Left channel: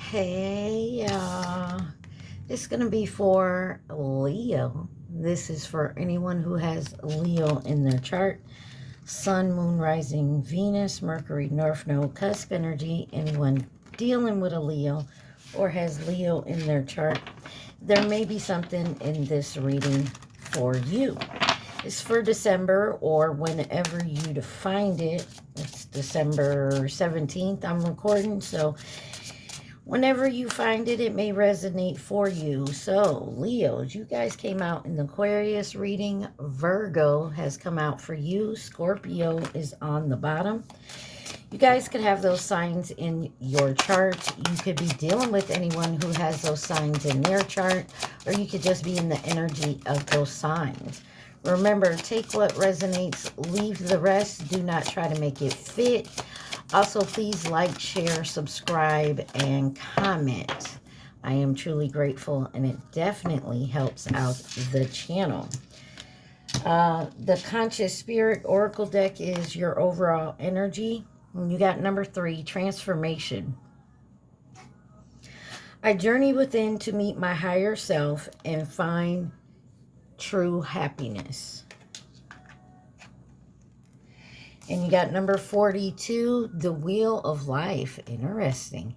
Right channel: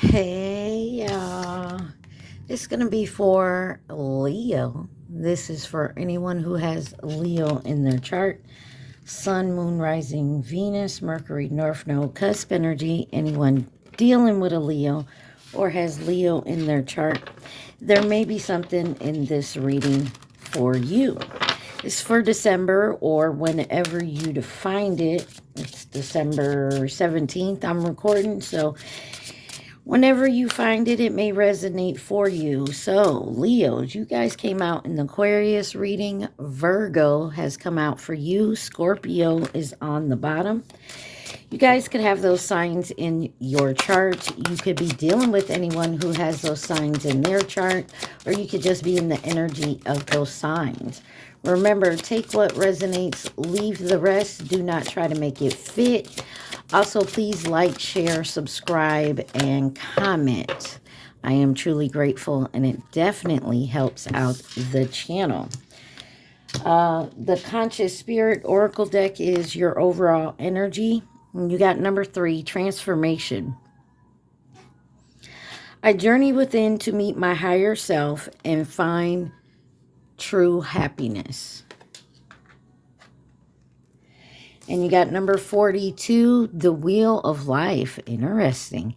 Hey, y'all. It's going to be for Leo. This is for anyone who has Leo in their chart. Sun, Moon, Rising, Venus, Mercury, North Node, Cusp energy. Anyone dealing with a Leo or has Leo in their chart. There may be something in this reading for you. It's for December or whenever you find it. It's December 17th I'm recording, so whenever you find it, it may resonate for you. So, Leos, you guys came out in the Aquarius reading. Virgo has come out for you. Scorpio is on the bottom. You guys could have those signs in your chart. You could be dealing with anyone who has those signs in their chart, or you could just be in the energy of those signs. Remember, take what resonates, leave the rest. Do not try to make it fit. Also, please like, share, subscribe, and comment. I am truly grateful, and it definitely helps out the channel. The Conscious Spirit Oracle deck is your overall energy. And you got number 3, Transformation. I journey within to meet my higher self and find true happiness. And you got number 42, The Wheel of Life. Interesting.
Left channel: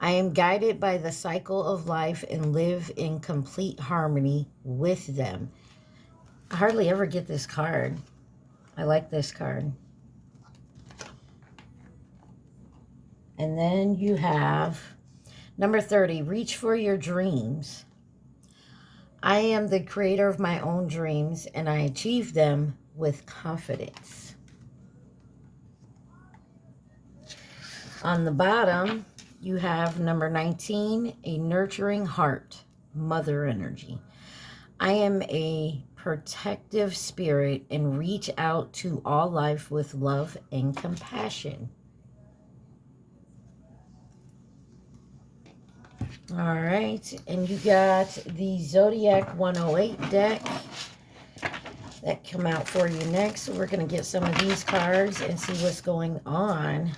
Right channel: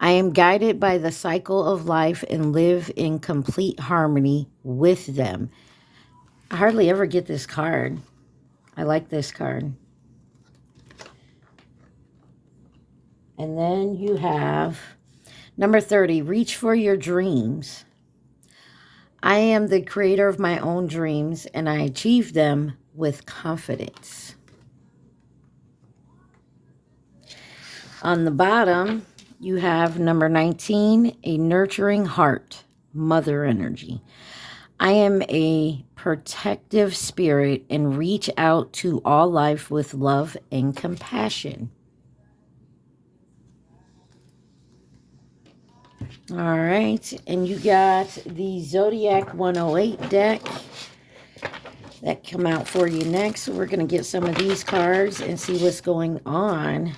I am guided by the cycle of life and live in complete harmony with them. I hardly ever get this card. I like this card. And then you have number 30, Reach for Your Dreams. I am the creator of my own dreams, and I achieve them with confidence. On the bottom, you have number 19, A Nurturing Heart, Mother Energy. I am a protective spirit and reach out to all life with love and compassion. All right, and you got the Zodiac 108 deck that come out for you next. So we're going to get some of these cards and see what's going on.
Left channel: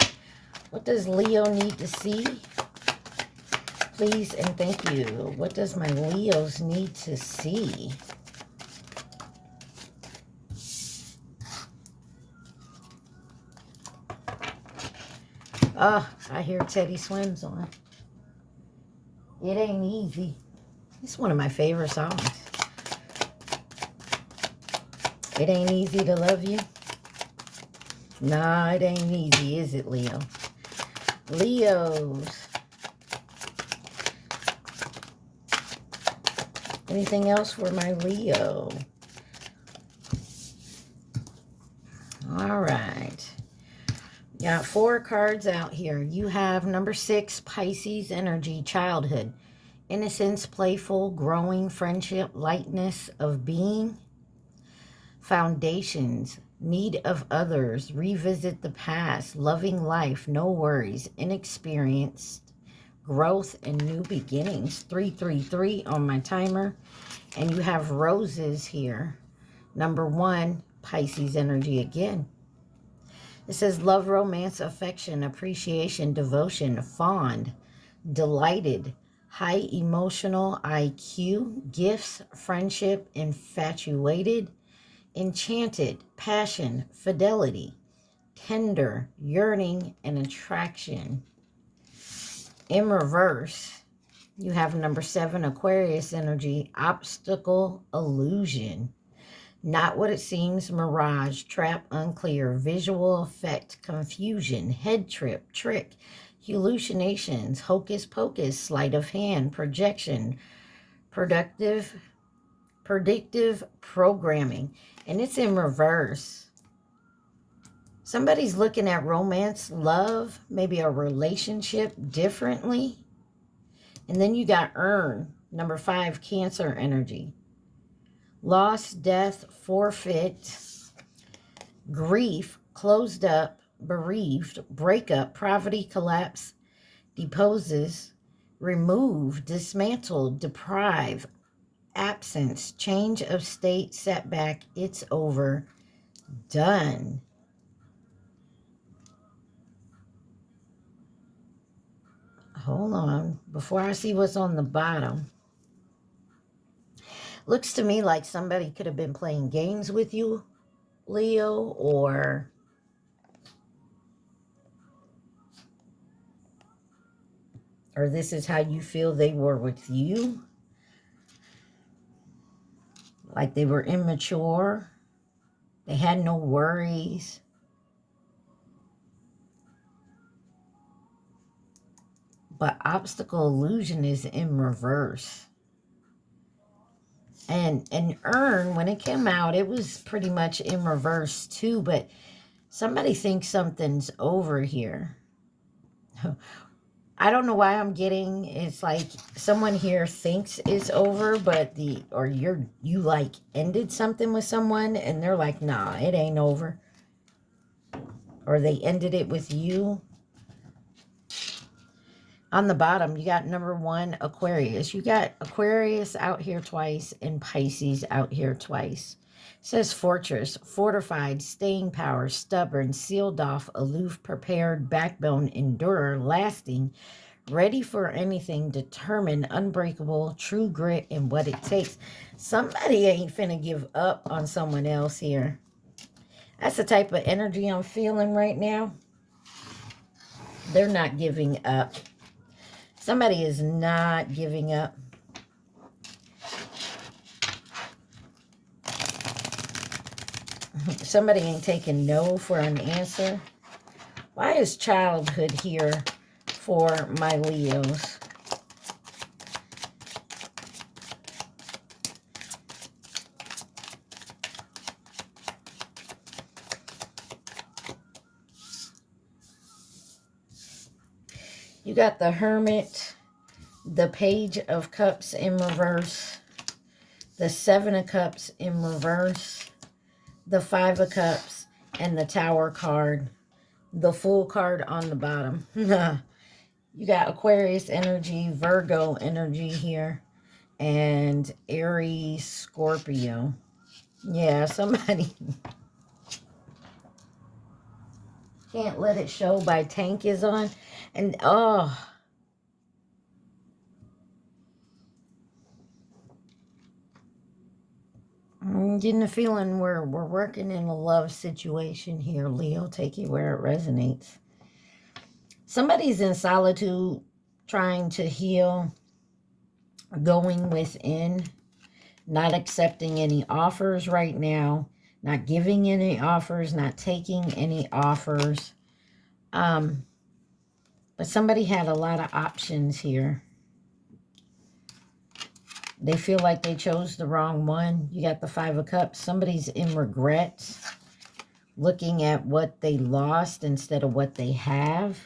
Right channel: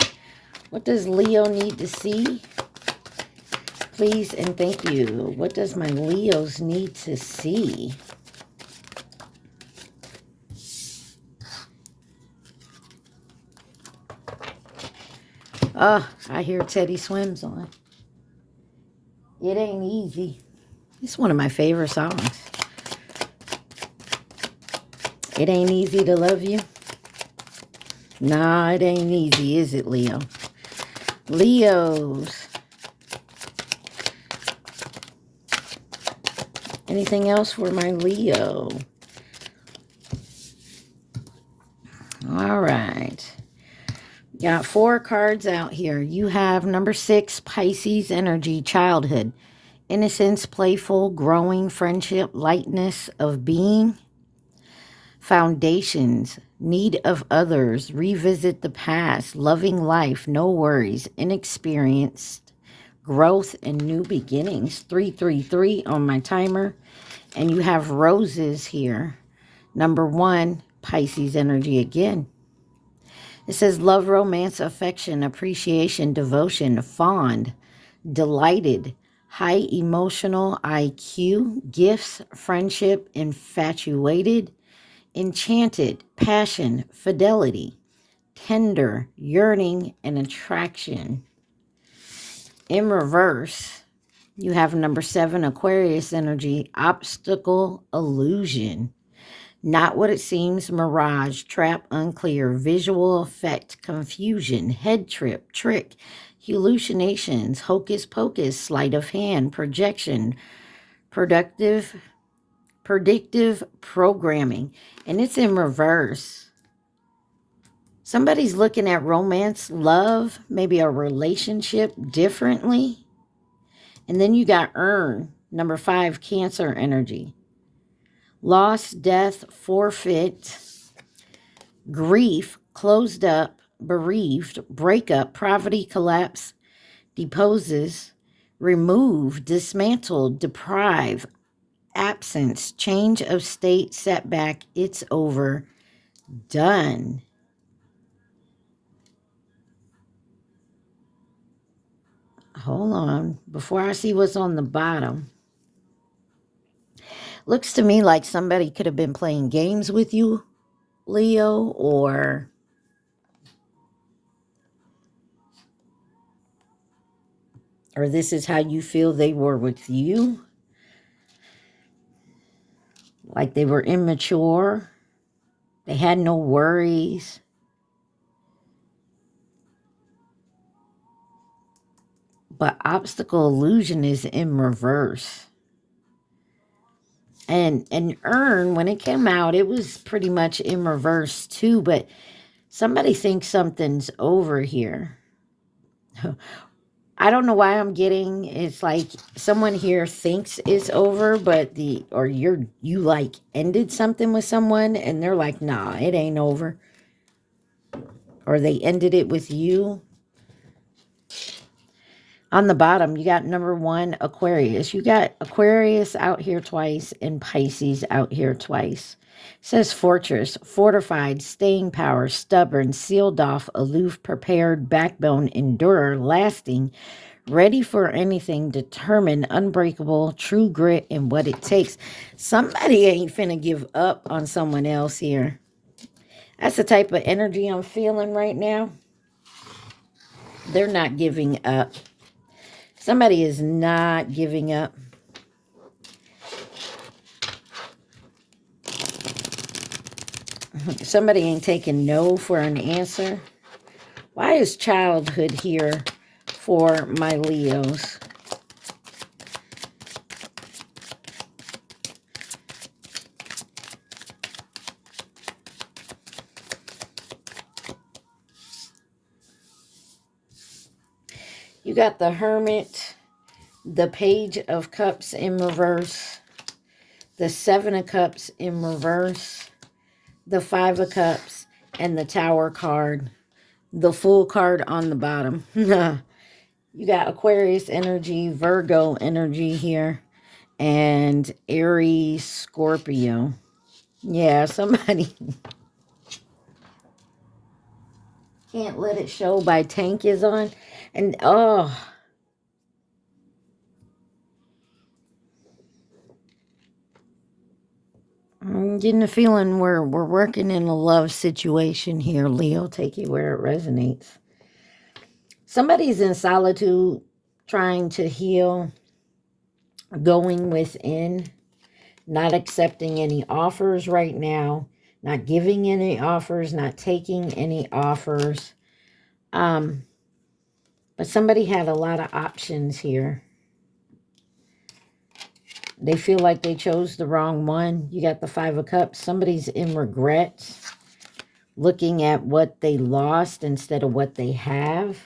What does Leo need to see? Please and thank you. What does my Leos need to see? Oh, I hear Teddy Swims on. It Ain't Easy. It's one of my favorite songs. It ain't easy to love you. Nah, it ain't easy, is it, Leo? Leos. Anything else for my Leo? All right. Got 4 cards out here. You have number 6, Pisces energy, childhood. Innocence, playful, growing, friendship, lightness of being. Foundations, need of others, revisit the past, loving life, no worries, inexperienced, growth and new beginnings. 333 on my timer. And you have roses here. Number 1, Pisces energy again. It says love, romance, affection, appreciation, devotion, fond, delighted, high emotional IQ, gifts, friendship, infatuated, enchanted, passion, fidelity, tender, yearning, and attraction. In reverse, you have number 7, Aquarius energy, obstacle, illusion. Not what it seems, mirage, trap, unclear, visual effect, confusion, head trip, trick, hallucinations, hocus pocus, sleight of hand, projection, predictive programming. And it's in reverse. Somebody's looking at romance, love, maybe a relationship differently. And then you got earn, number 5, Cancer energy. Loss, death, forfeit, grief, closed up, bereaved, breakup, poverty, collapse, deposes, remove, dismantle, deprive, absence, change of state, setback, it's over, done. hold on. Before I see what's on the bottom. Looks to me like somebody could have been playing games with you, Leo, or this is how you feel they were with you. Like they were immature. They had no worries. But obstacle illusion is in reverse. And earn, when it came out, it was pretty much in reverse too. But somebody thinks something's over here. I don't know why I'm getting, it's like someone here thinks it's over, but you like ended something with someone and they're like, nah, it ain't over. Or they ended it with you. On the bottom, you got number 1, Aquarius. You got Aquarius out here twice and Pisces out here twice. It says fortress, fortified, staying power, stubborn, sealed off, aloof, prepared, backbone, endurer, lasting, ready for anything, determined, unbreakable, true grit, and what it takes. Somebody ain't finna give up on someone else here. That's the type of energy I'm feeling right now. They're not giving up. Somebody is not giving up. Somebody ain't taking no for an answer. Why is childhood here for my Leos? You got the Hermit, the Page of Cups in reverse, the 7 of Cups in reverse, the 5 of Cups, and the Tower card. The Fool card on the bottom. You got Aquarius energy, Virgo energy here, and Aries, Scorpio. Yeah, somebody can't let it show by Tank is on. And, oh, I'm getting the feeling we're working in a love situation here, Leo. Take it where it resonates. Somebody's in solitude, trying to heal, going within, not accepting any offers right now, not giving any offers, not taking any offers. But somebody had a lot of options here. They feel like they chose the wrong one. You got the 5 of Cups. Somebody's in regret, looking at what they lost instead of what they have.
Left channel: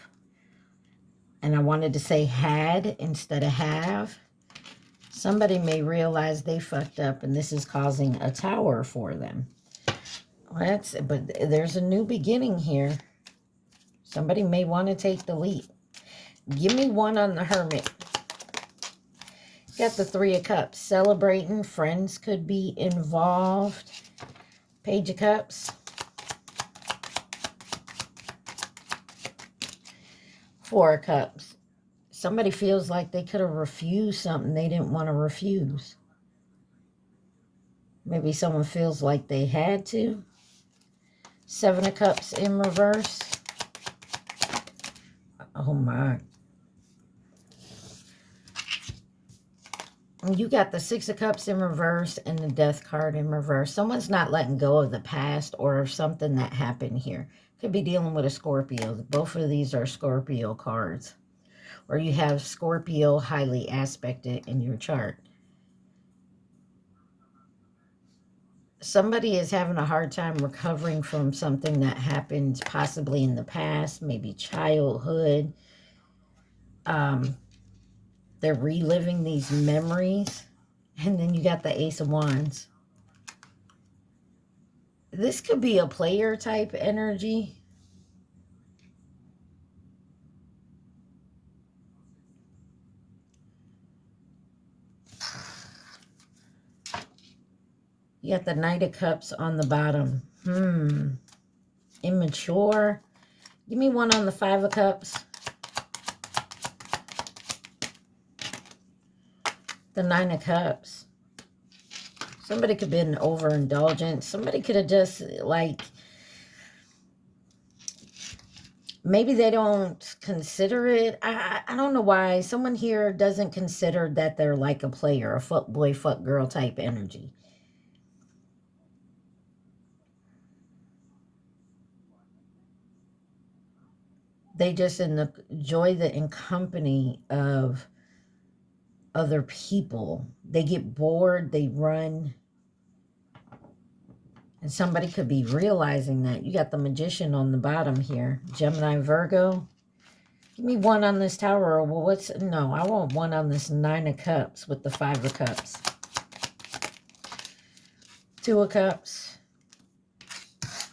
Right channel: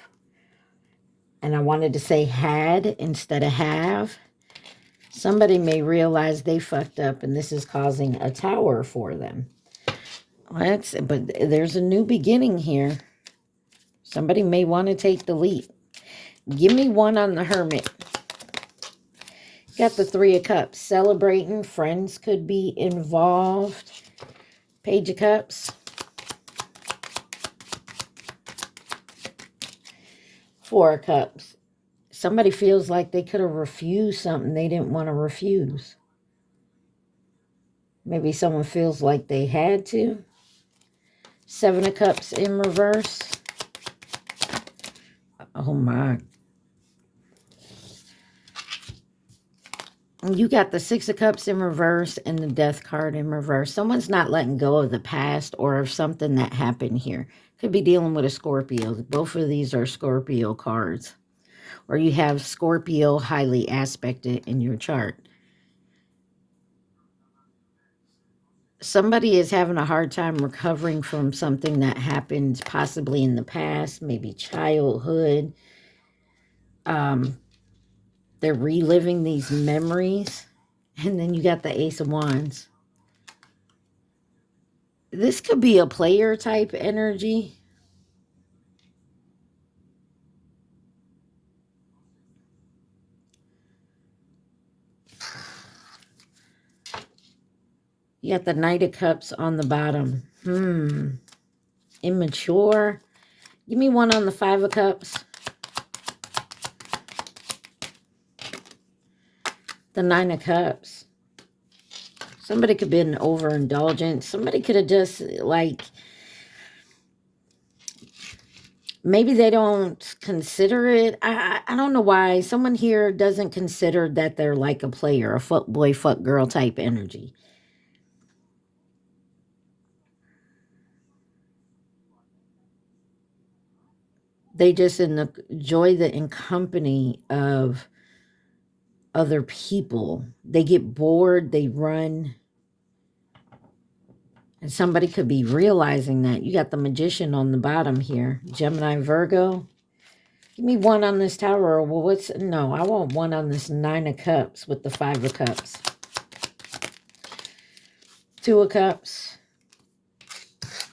And I wanted to say had instead of have. Somebody may realize they fucked up and this is causing a tower for them. But there's a new beginning here. Somebody may want to take the leap. Give me one on the Hermit. Got the 3 of Cups. Celebrating. Friends could be involved. Page of Cups. 4 of Cups. Somebody feels like they could have refused something they didn't want to refuse. Maybe someone feels like they had to. 7 of Cups in reverse. Oh my. You got the 6 of Cups in reverse and the Death card in reverse. Someone's not letting go of the past or of something that happened here. Could be dealing with a Scorpio. Both of these are Scorpio cards. Or you have Scorpio highly aspected in your chart. Somebody is having a hard time recovering from something that happened possibly in the past, maybe childhood. They're reliving these memories. And then you got the Ace of Wands. This could be a player type energy. You got the Knight of Cups on the bottom. Immature. Give me one on the 5 of Cups. The Nine of Cups. Somebody could have been overindulgent. Somebody could have just, like, maybe they don't consider it. I don't know why. Someone here doesn't consider that they're like a player, a fuck boy, fuck girl type energy. They just enjoy the company of other people. They get bored, they run. And somebody could be realizing that. You got the Magician on the bottom here. Gemini, Virgo. Give me one on this Tower. Well, no, I want one on this Nine of Cups with the Five of Cups. Two of Cups.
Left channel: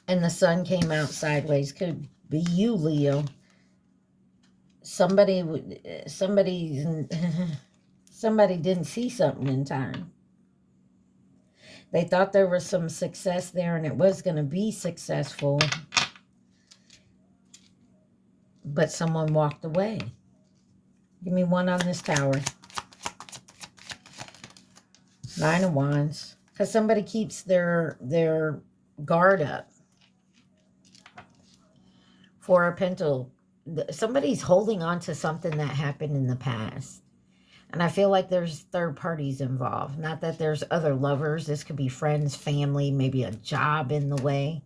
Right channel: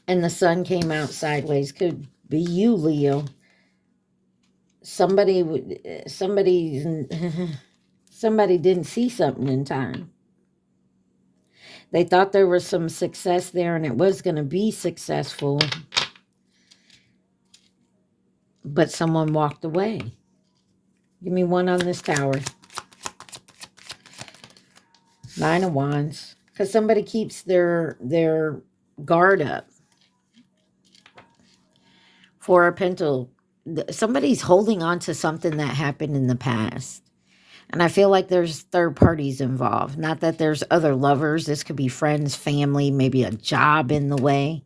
And the Sun came out sideways. Could be you, Leo. Somebody didn't see something in time. They thought there was some success there and it was going to be successful. But someone walked away. Give me one on this Tower. Nine of Wands. Because somebody keeps their guard up. Four of Pentacles. Somebody's holding on to something that happened in the past. And I feel like there's third parties involved. Not that there's other lovers. This could be friends, family, maybe a job in the way.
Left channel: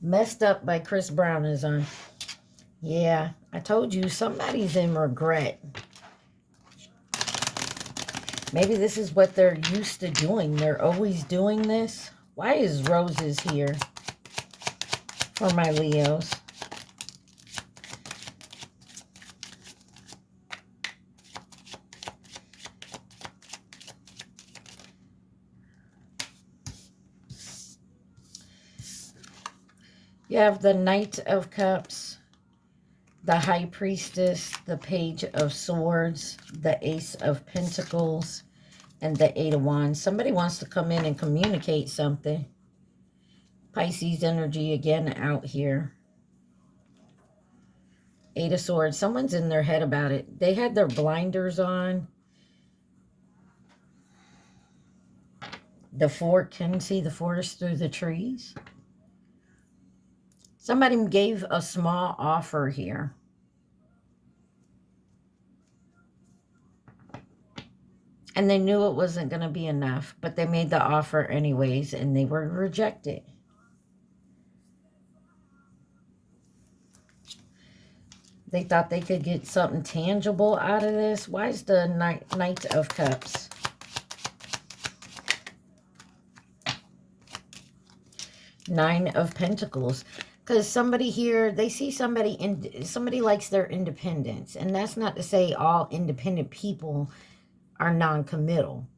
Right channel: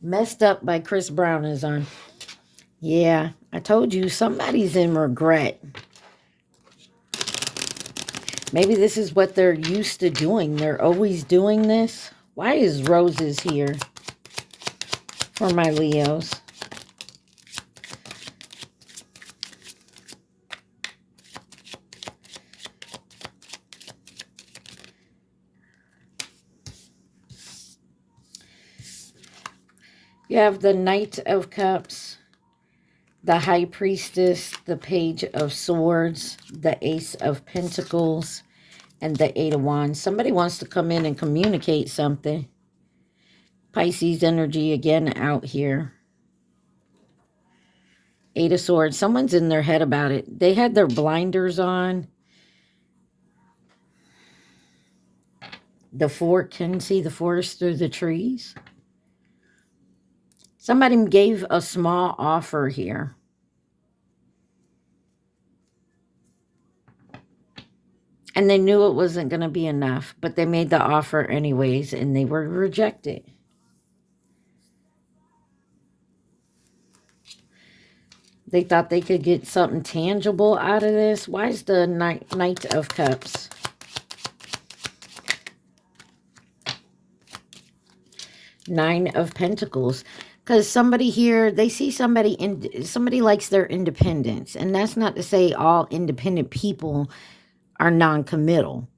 Messed Up by Chris Brown is on. Yeah, I told you somebody's in regret. Maybe this is what they're used to doing. They're always doing this. Why is Roses here for my Leos? You have the Knight of Cups, the High Priestess, the Page of Swords, the Ace of Pentacles, and the Eight of Wands. Somebody wants to come in and communicate something. Pisces energy again out here. Eight of Swords. Someone's in their head about it. They had their blinders on. The Four, can see the forest through the trees. Somebody gave a small offer here. And they knew it wasn't going to be enough, but they made the offer anyways, and they were rejected. They thought they could get something tangible out of this. Why is the Knight of Cups? Nine of Pentacles. Because somebody here, they see somebody likes their independence. And that's not to say all independent people are non-committal.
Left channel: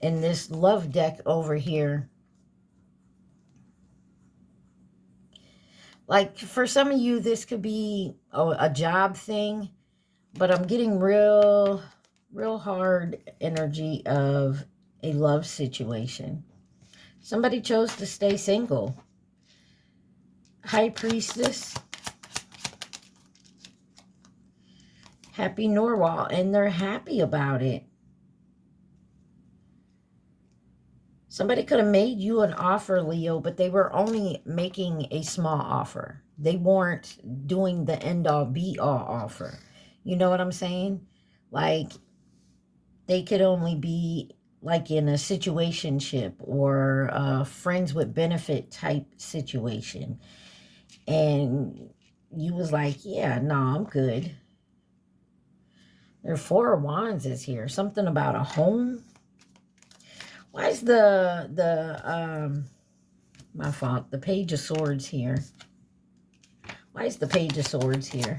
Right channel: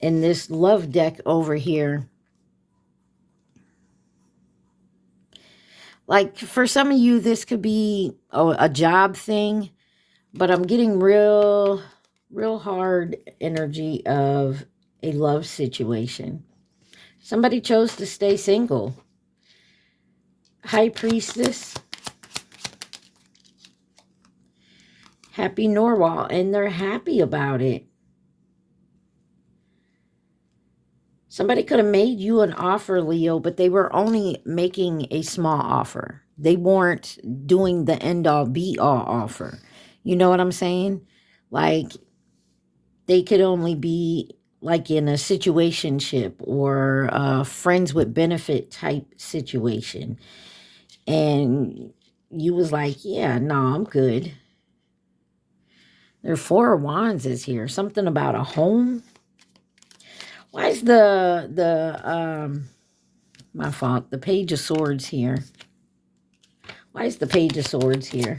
In this love deck over here, like for some of you, this could be a job thing. But I'm getting real hard energy of a love situation. Somebody chose to stay single. High Priestess. Happy Norwal. And they're happy about it. Somebody could have made you an offer, Leo, but they were only making a small offer. They weren't doing the end-all, be-all offer. You know what I'm saying? Like, they could only be like in a situationship or a friends with benefit type situation. And you was like, yeah, no, I'm good. There are Four of Wands is here. Something about a home. Why is my fault, the Page of Swords here? Why is the Page of Swords here?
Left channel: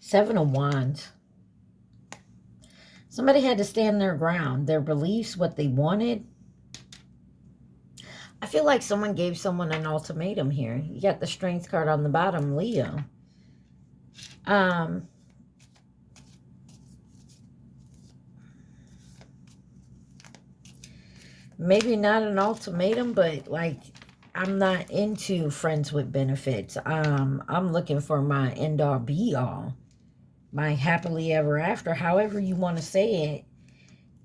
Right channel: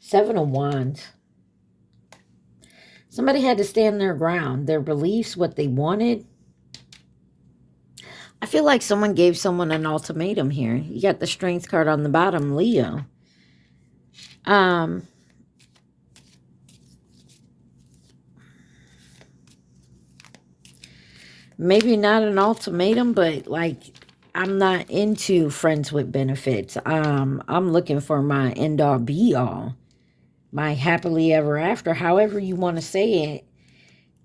Seven of Wands. Somebody had to stand their ground, their beliefs, what they wanted. I feel like someone gave someone an ultimatum here. You got the Strength card on the bottom, Leo. maybe not an ultimatum, but like, I'm not into friends with benefits. I'm looking for my end all be all, my happily ever after, however you want to say it.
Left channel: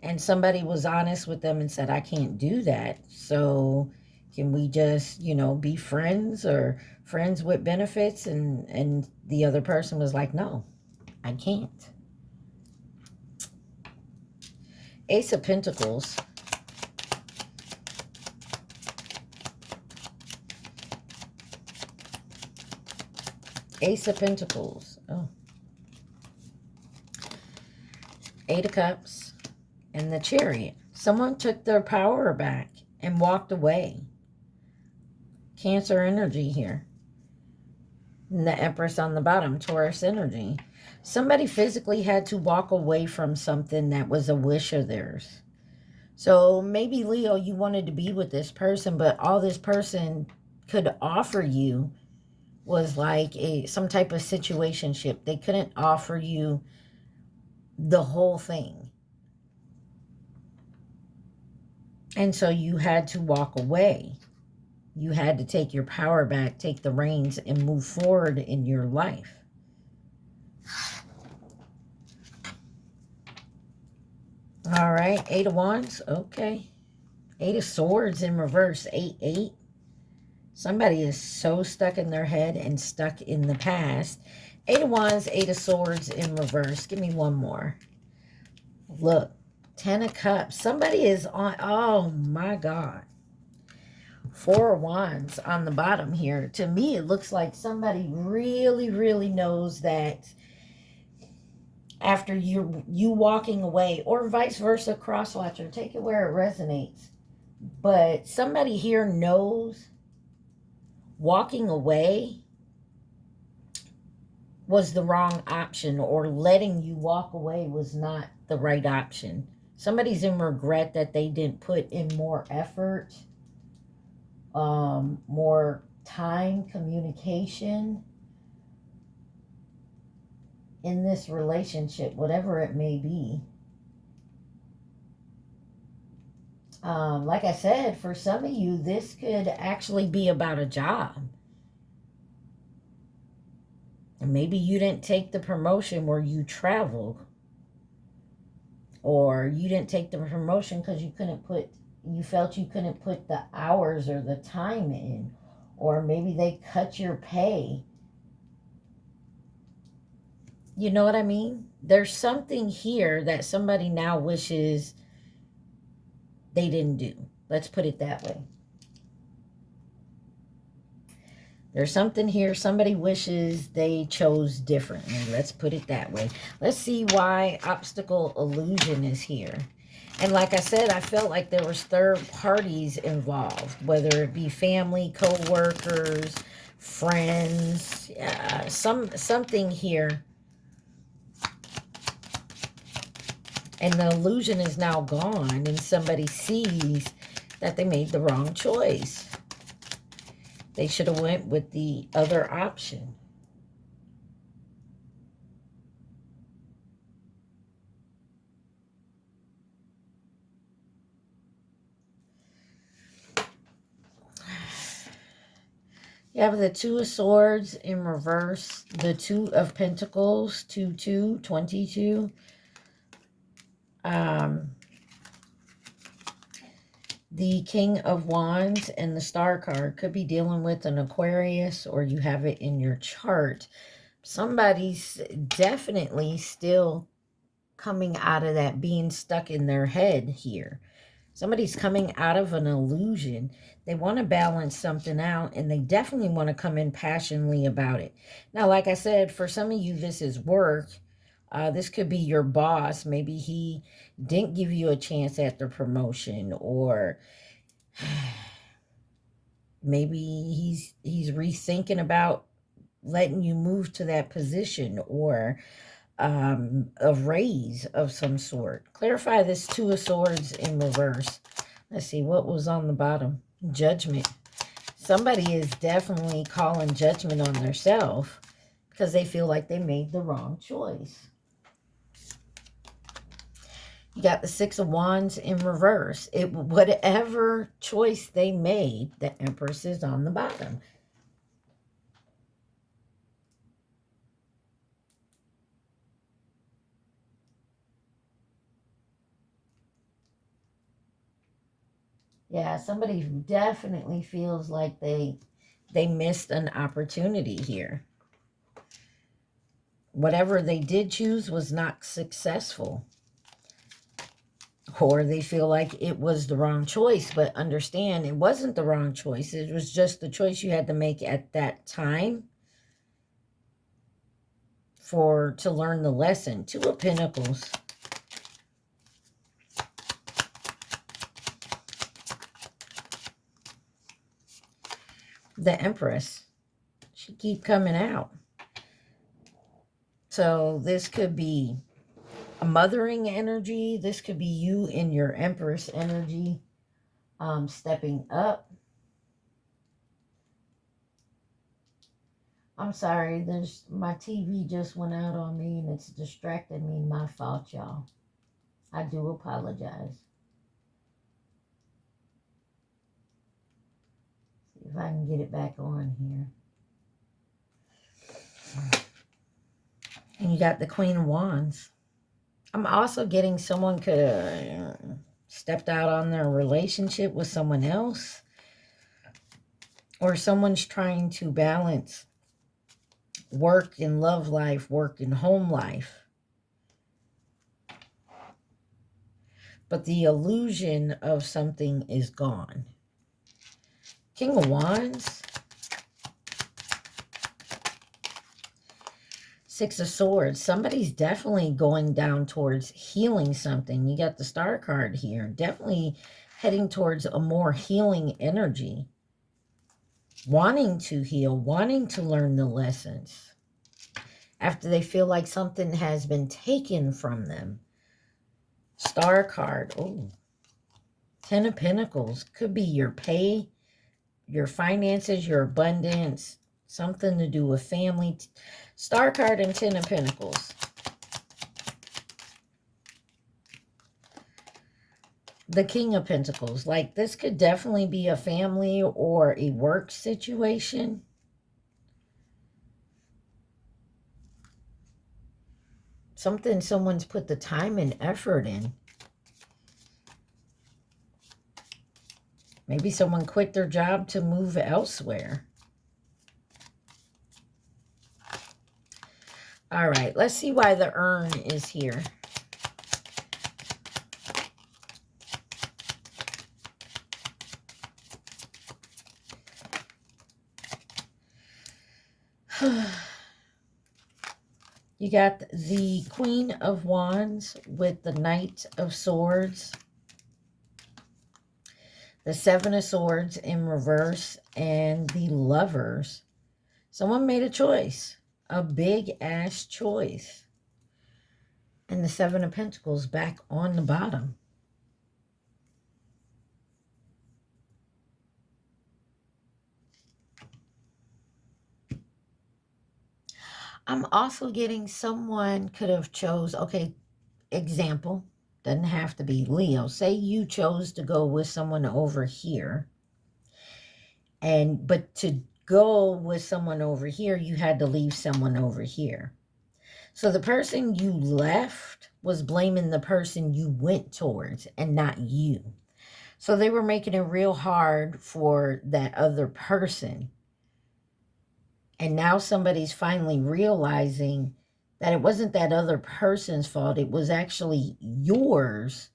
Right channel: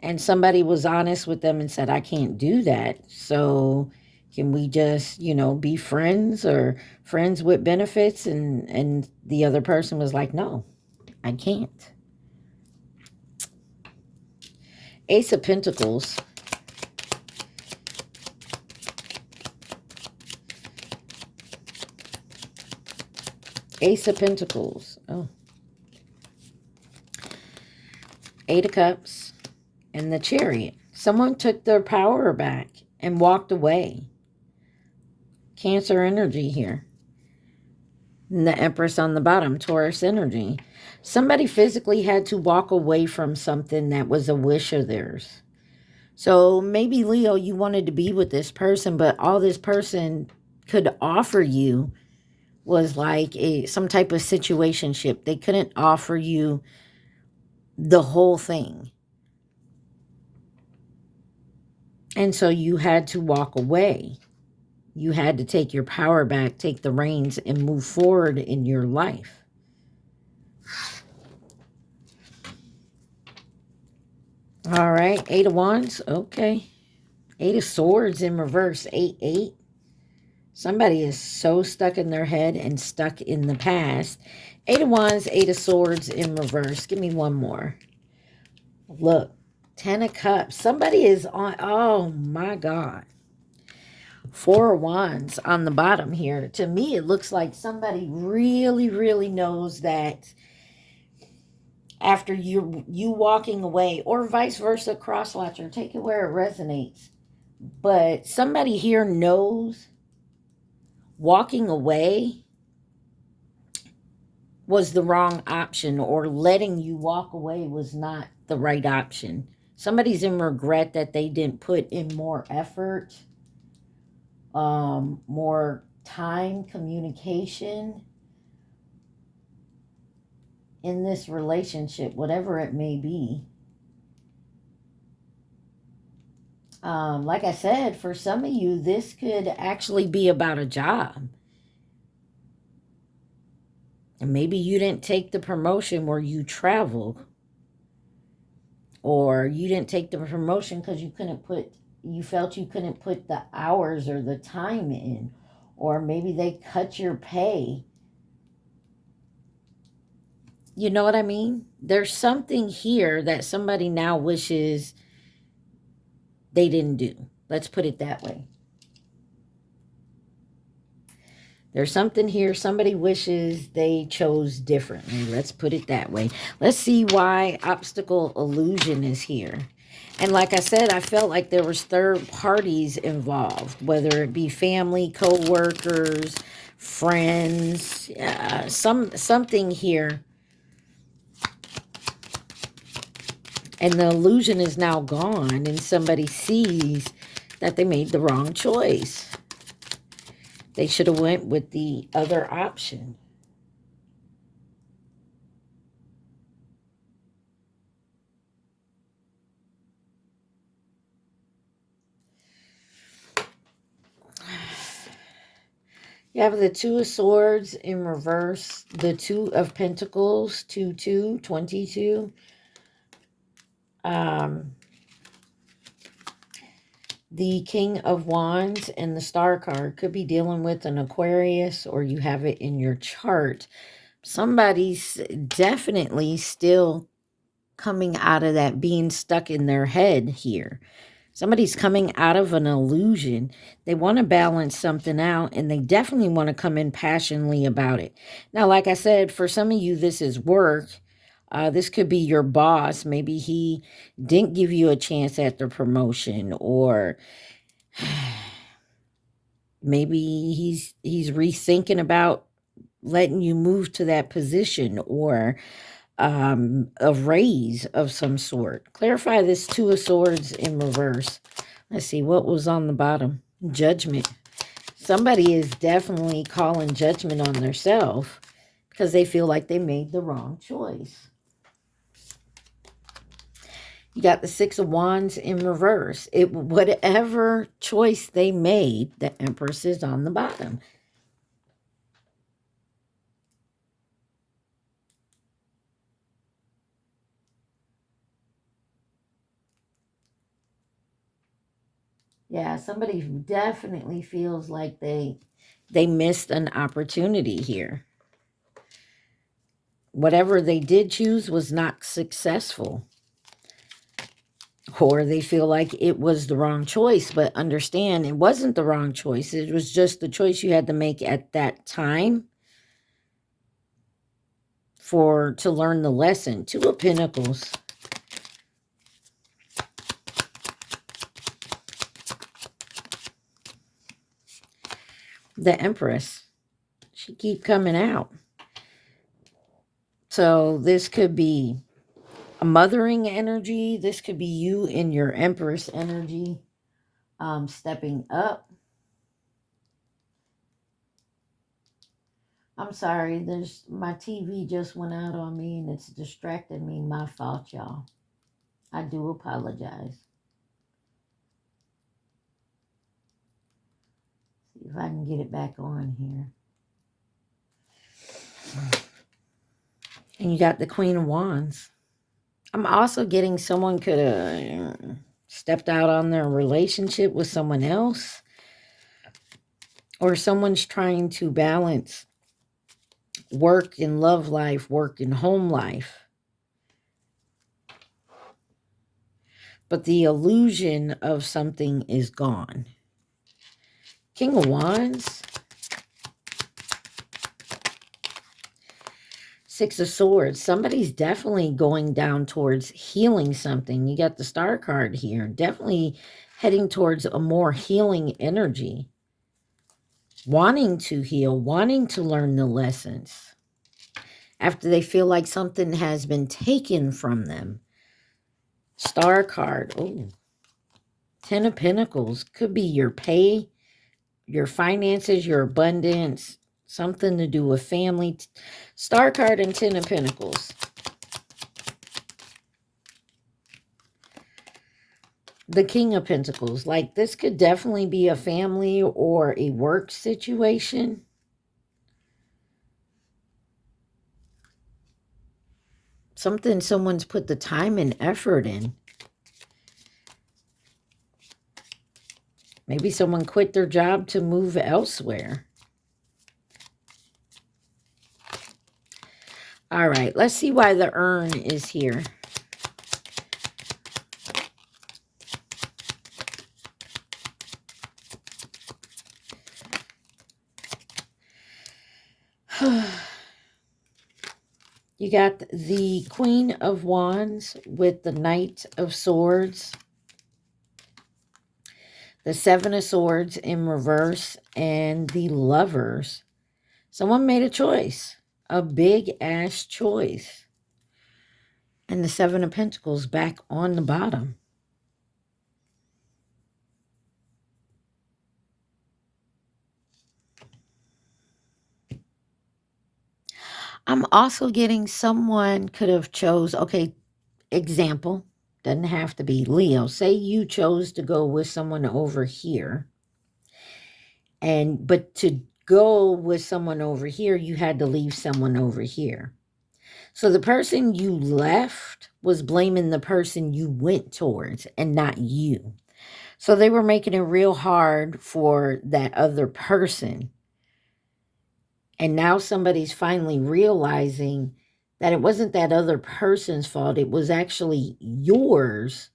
And somebody was honest with them and said, I can't do that. So can we just, you know, be friends or friends with benefits? And the other person was like, no, I can't. Ace of Pentacles. Ace of Pentacles. Oh. Eight of Cups. And the Chariot. Someone took their power back and walked away. Cancer energy here. And the Empress on the bottom. Taurus energy. Somebody physically had to walk away from something that was a wish of theirs. So maybe, Leo, you wanted to be with this person, but all this person could offer you was like some type of situationship. They couldn't offer you the whole thing. And so you had to walk away. You had to take your power back, take the reins, and move forward in your life. All right, Eight of Wands, okay. Eight of Swords in reverse, 8-8. Somebody is so stuck in their head and stuck in the past. Eight of Wands, Eight of Swords in reverse. Give me one more. Look, 10 of Cups. Somebody is on, oh my God. Four of Wands on the bottom here. To me, it looks like somebody really, really knows that after you walking away, or vice versa, cross-watcher, take it where it resonates. But somebody here knows walking away was the wrong option, or letting you walk away was not the right option. Somebody's in regret that they didn't put in more effort, more time, communication in this relationship, whatever it may be. Like I said, for some of you, this could actually be about a job. And maybe you didn't take the promotion where you traveled. Or you didn't take the promotion because you felt you couldn't put the hours or the time in. Or maybe they cut your pay. You know what I mean? There's something here that somebody now wishes they didn't do. Let's put it that way. There's something here somebody wishes they chose differently. Let's put it that way. Let's see why obstacle illusion is here. And like I said, I felt like there was third parties involved, whether it be family, co-workers, friends, something here. And the illusion is now gone, and somebody sees that they made the wrong choice. They should have went with the other option. You have the Two of Swords in reverse, the Two of Pentacles, 2-2, 22. The King of Wands and the Star card could be dealing with an Aquarius, or you have it in your chart. Somebody's definitely still coming out of that being stuck in their head here. Somebody's coming out of an illusion. They want to balance something out, and they definitely want to come in passionately about it. Now, like I said, for some of you, this is work. This could be your boss. Maybe he didn't give you a chance at the promotion, or maybe he's rethinking about letting you move to that position, or a raise of some sort. Clarify this Two of Swords in reverse. Let's see, what was on the bottom? Judgment. Somebody is definitely calling judgment on themselves because they feel like they made the wrong choice. You got the Six of Wands in reverse. Whatever choice they made, the Empress is on the bottom. Yeah, somebody who definitely feels like they missed an opportunity here. Whatever they did choose was not successful. Or they feel like it was the wrong choice, but understand it wasn't the wrong choice. It was just the choice you had to make at that time to learn the lesson. Two of Pentacles. The Empress. She keep coming out. So this could be a mothering energy. This could be you in your Empress energy stepping up. I'm sorry, my TV just went out on me and it's distracted me. My fault, y'all. I do apologize. See if I can get it back on here. And you got the Queen of Wands. I'm also getting someone could have stepped out on their relationship with someone else. Or someone's trying to balance work and love life, work and home life. But the illusion of something is gone. King of Wands. Six of Swords. Somebody's definitely going down towards healing something. You got the Star card here. Definitely heading towards a more healing energy. Wanting to heal. Wanting to learn the lessons. After they feel like something has been taken from them. Star card. Oh. Ten of Pentacles. Could be your pay, your finances, your abundance. Something to do with family. Star card and Ten of Pentacles. The King of Pentacles. Like this could definitely be a family or a work situation. Something someone's put the time and effort in. Maybe someone quit their job to move elsewhere. All right, let's see why the urn is here. You got the Queen of Wands with the Knight of Swords. The Seven of Swords in reverse and the Lovers. Someone made a choice. A big-ass choice. And the Seven of Pentacles back on the bottom. I'm also getting someone could have chose, okay, example, doesn't have to be Leo. Say you chose to go with someone over here. But to go with someone over here, you had to leave someone over here. So the person you left was blaming the person you went towards and not you. So they were making it real hard for that other person. And now somebody's finally realizing that it wasn't that other person's fault. It was actually yours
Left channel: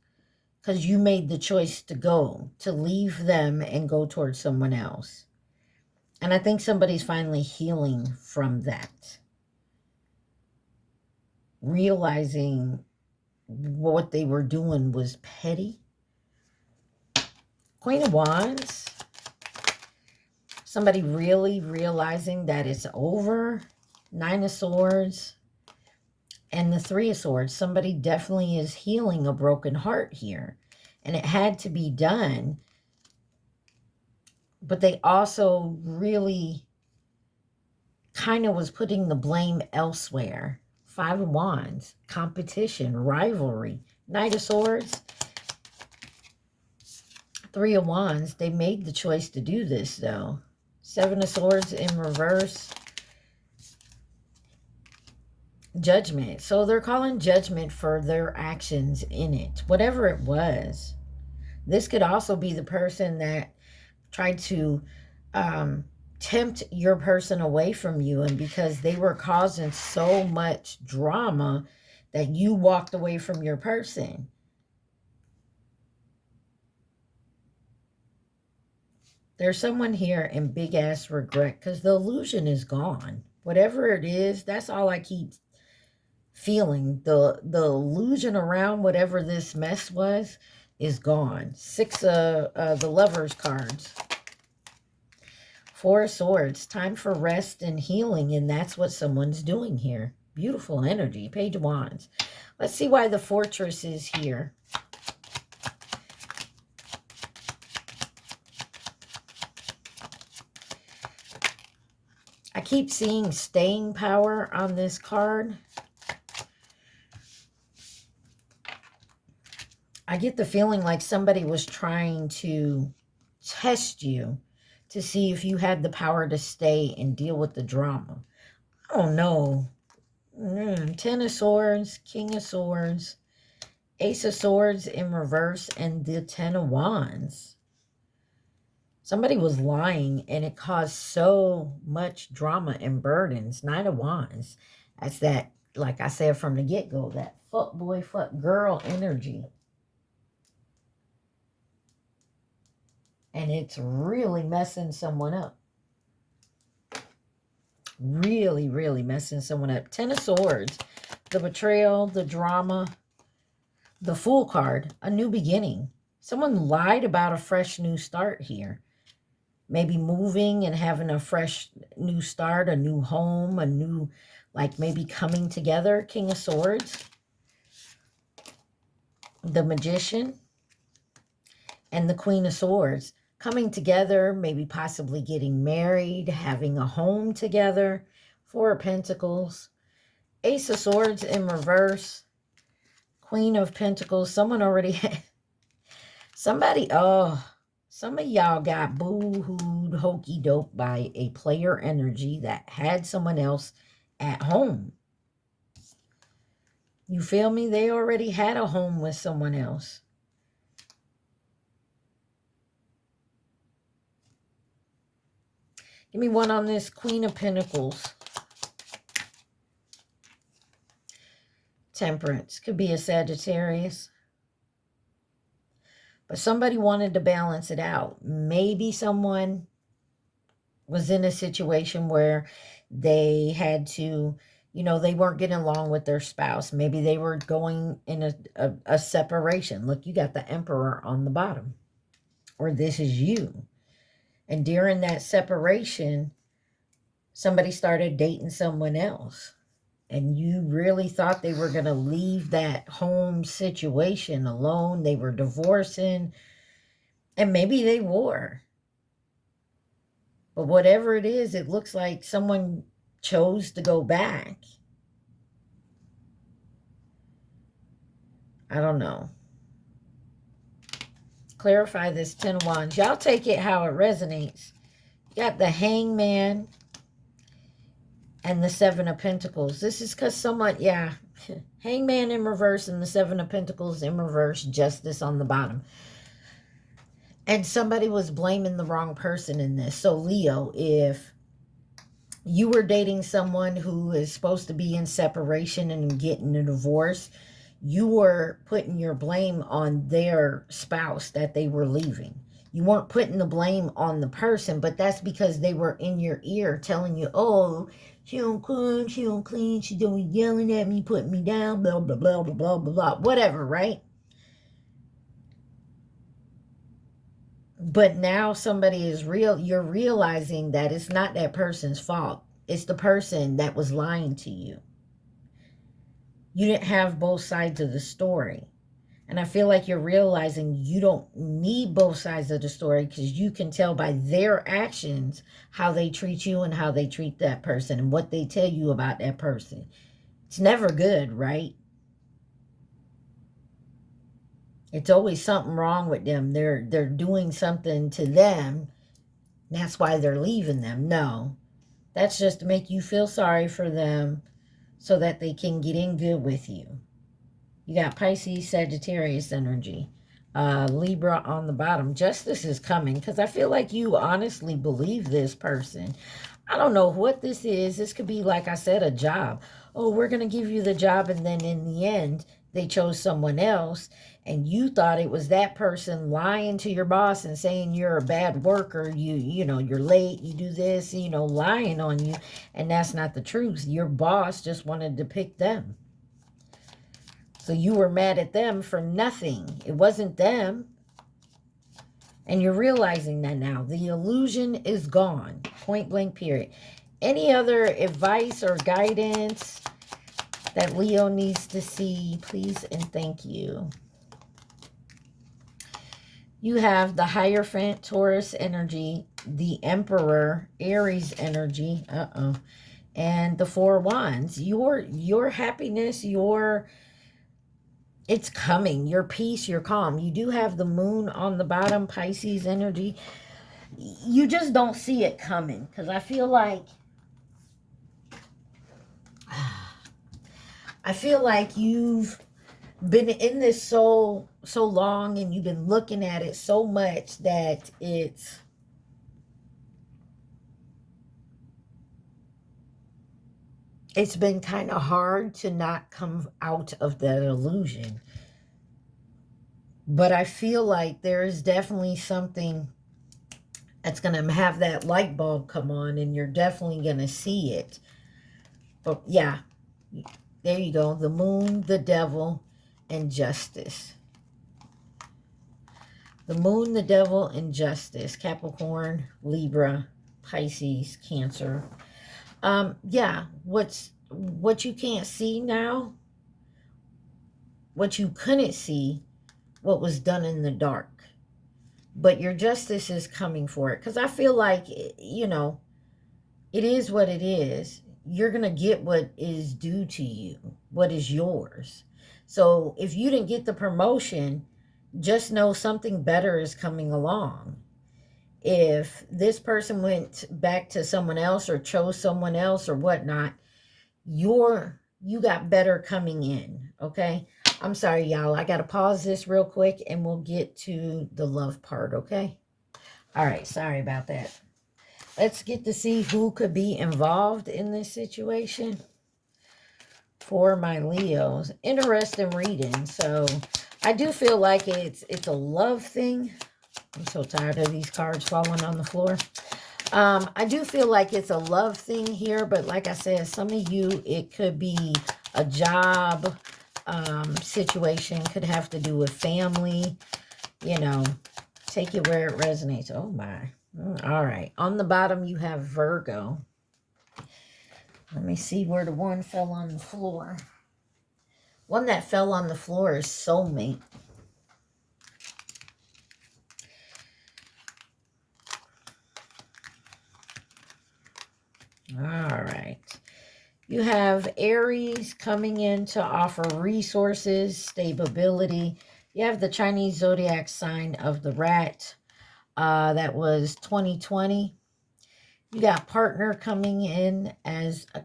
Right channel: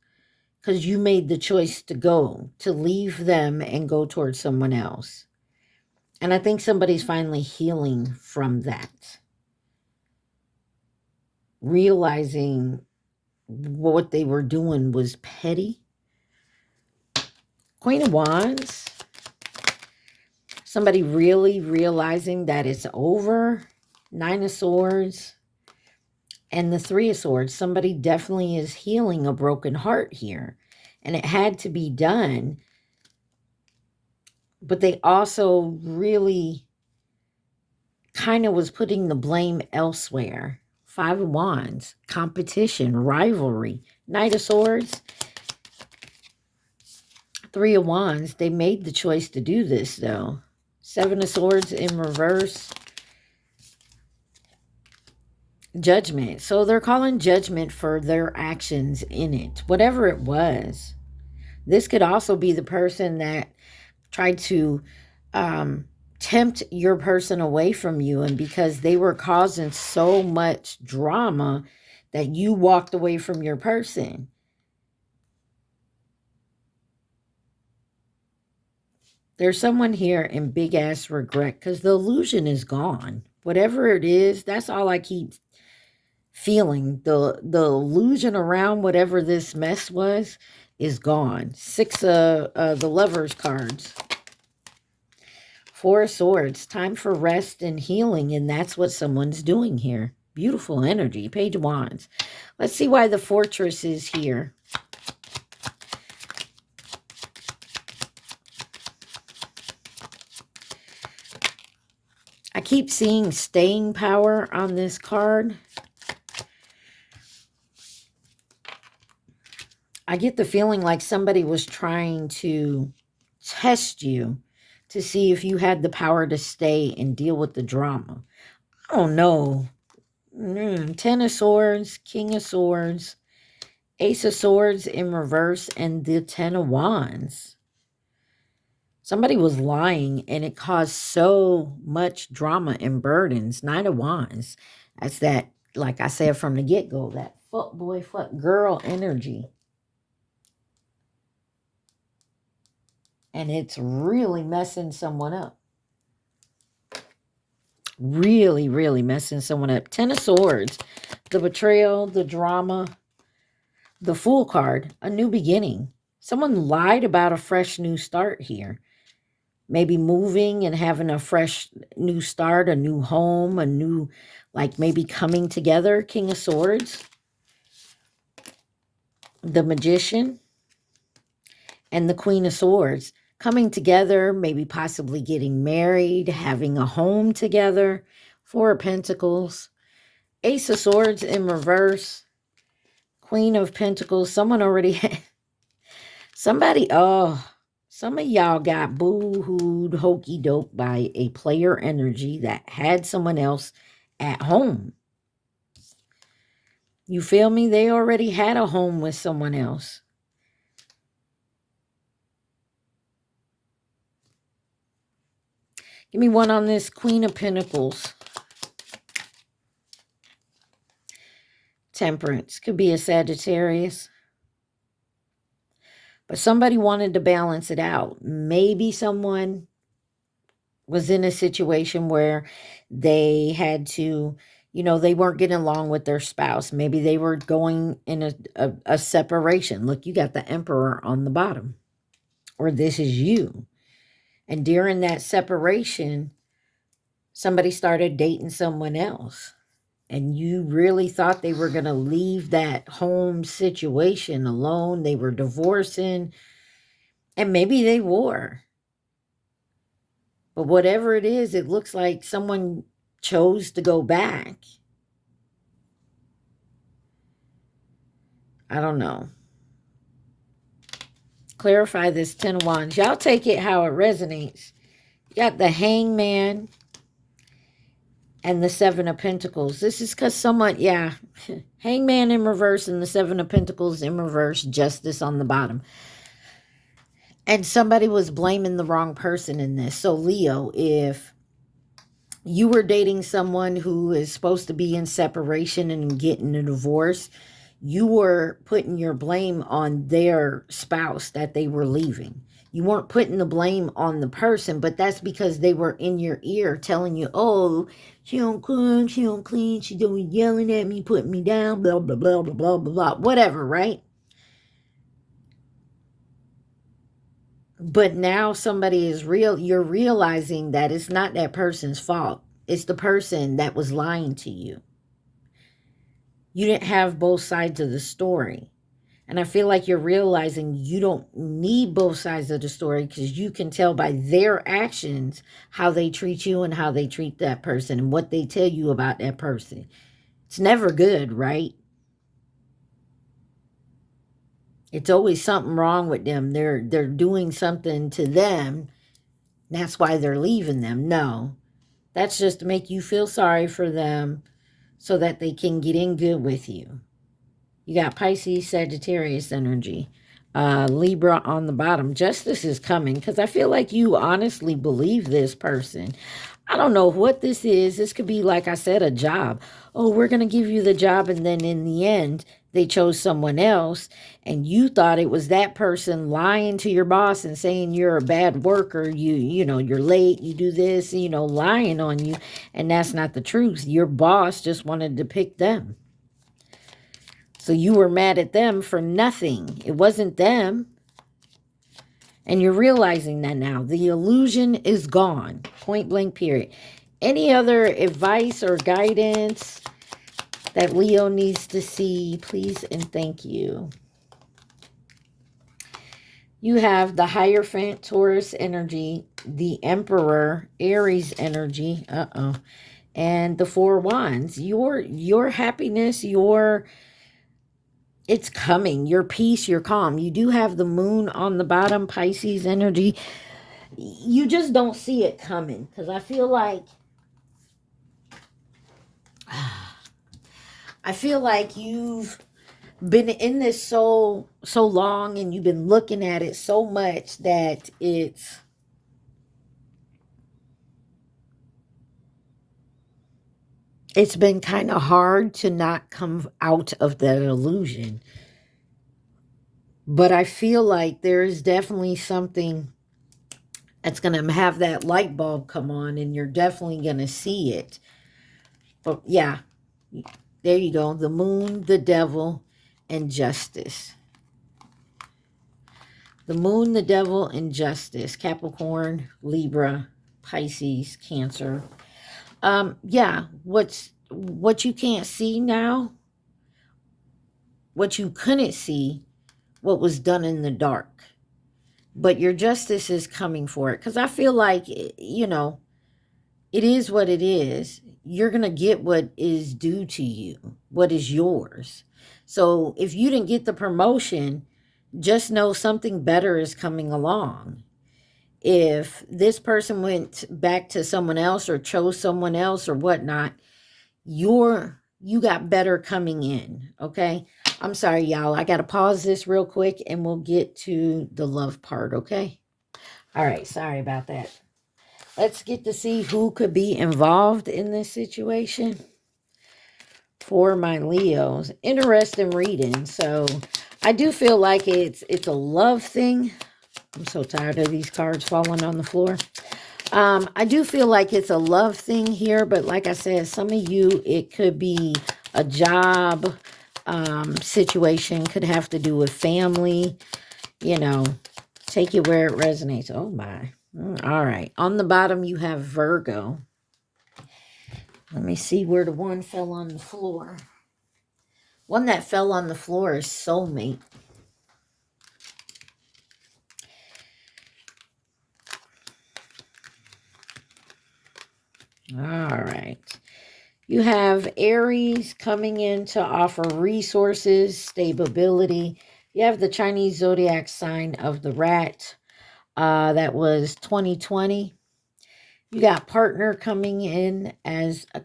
because you made the choice to leave them and go towards someone else. And I think somebody's finally healing from that. Realizing what they were doing was petty. Queen of Wands. Somebody really realizing that it's over. Nine of Swords. And the Three of Swords. Somebody definitely is healing a broken heart here. And it had to be done. But they also really kind of was putting the blame elsewhere. Five of Wands. Competition. Rivalry. Knight of Swords, Three of Wands. They made the choice to do this, though. Seven of Swords in reverse. Judgment. So they're calling judgment for their actions in it, whatever it was. This could also be the person that tried to tempt your person away from you, and because they were causing so much drama that you walked away from your person. There's someone here in big ass regret because the illusion is gone. Whatever it is, that's all I keep feeling. The illusion around whatever this mess was is gone. Six of the Lovers cards. Four of Swords. Time for rest and healing, and that's what someone's doing here. Beautiful energy. Page of Wands. Let's see why the Fortress is here. I keep seeing staying power on this card. I get the feeling like somebody was trying to test you to see if you had the power to stay and deal with the drama. I don't know. Ten of Swords, King of Swords, Ace of Swords in reverse, and the Ten of Wands. Somebody was lying, and it caused so much drama and burdens. Knight of Wands. That's that, like I said from the get-go, that fuck boy, fuck girl energy. And it's really messing someone up. Really, really messing someone up. Ten of Swords. The betrayal, the drama, the Fool card, a new beginning. Someone lied about a fresh new start here. Maybe moving and having a fresh new start, a new home, a new, like maybe coming together. King of Swords. The Magician. And the Queen of Swords. Coming together, maybe possibly getting married, having a home together. Four of Pentacles. Ace of Swords in reverse. Queen of Pentacles. Someone already had... Some of y'all got boo-hooed, hokey-doke by a player energy that had someone else at home. You feel me? They already had a home with someone else. Give me one on this Queen of Pentacles. Temperance. Could be a Sagittarius. But somebody wanted to balance it out. Maybe someone was in a situation where they had to, you know, they weren't getting along with their spouse. Maybe they were going in a separation. Look, you got the Emperor on the bottom. Or this is you. And during that separation, somebody started dating someone else. And you really thought they were going to leave that home situation alone. They were divorcing. And maybe they were. But whatever it is, it looks like someone chose to go back. I don't know. Clarify this Ten of Wands. Y'all take it how it resonates. You got the Hangman and the Seven of Pentacles. This is because someone, yeah, Hangman in reverse and the Seven of Pentacles in reverse, Justice on the bottom. And somebody was blaming the wrong person in this. So Leo, if you were dating someone who is supposed to be in separation and getting a divorce, you were putting your blame on their spouse that they were leaving. You weren't putting the blame on the person, but that's because they were in your ear telling you, oh, she don't cook, she don't clean, she doing yelling at me, putting me down, blah, blah, blah, blah, blah, blah, blah, whatever, right? But now somebody is you're realizing that it's not that person's fault. It's the person that was lying to you. You didn't have both sides of the story. And I feel like you're realizing you don't need both sides of the story because you can tell by their actions how they treat you and how they treat that person and what they tell you about that person. It's never good, right? It's always something wrong with them. They're doing something to them. That's why they're leaving them. No, that's just to make you feel sorry for them so that they can get in good with you. You got Pisces, Sagittarius energy. Libra on the bottom. Justice is coming because I feel like you honestly believe this person. I don't know what this is. This could be, like I said, a job. Oh, we're going to give you the job. And then in the end, they chose someone else. And you thought it was that person lying to your boss and saying you're a bad worker. You know, you're late. You do this, you know, lying on you. And that's not the truth. Your boss just wanted to pick them. So you were mad at them for nothing. It wasn't them. And you're realizing that now. The illusion is gone. Point blank, period. Any other advice or guidance that Leo needs to see, please and thank you. You have the Hierophant, Taurus energy, the Emperor, Aries energy, and the Four Wands. Your happiness, it's coming. Your peace, your calm. You do have the moon on the bottom, Pisces energy. You just don't see it coming because I feel like you've been in this so long and you've been looking at it so much that it's been kind of hard to not come out of that illusion. But I feel like there is definitely something that's going to have that light bulb come on and you're definitely going to see it. But yeah, there you go. The moon, the devil, and justice. The moon, the devil, and justice. Capricorn, Libra, Pisces, Cancer. Yeah, what you can't see now, what you couldn't see, what was done in the dark. But your justice is coming for it. Because I feel like, you know, it is what it is. You're going to get what is due to you, what is yours. So if you didn't get the promotion, just know something better is coming along. If this person went back to someone else or chose someone else or whatnot, you got better coming in, okay? I'm sorry, y'all. I got to pause this real quick and we'll get to the love part, okay? All right, sorry about that. Let's get to see who could be involved in this situation for my Leos. Interesting reading. So I do feel like it's a love thing. I'm so tired of these cards falling on the floor. I do feel like it's a love thing here, but like I said, some of you, it could be a job situation, could have to do with family, you know, take it where it resonates. Oh my. All right. On the bottom, you have Virgo. Let me see where the one fell on the floor. One that fell on the floor is soulmate. All right. You have Aries coming in to offer resources, stability. You have the Chinese zodiac sign of the rat. That was 2020. You got partner coming in as a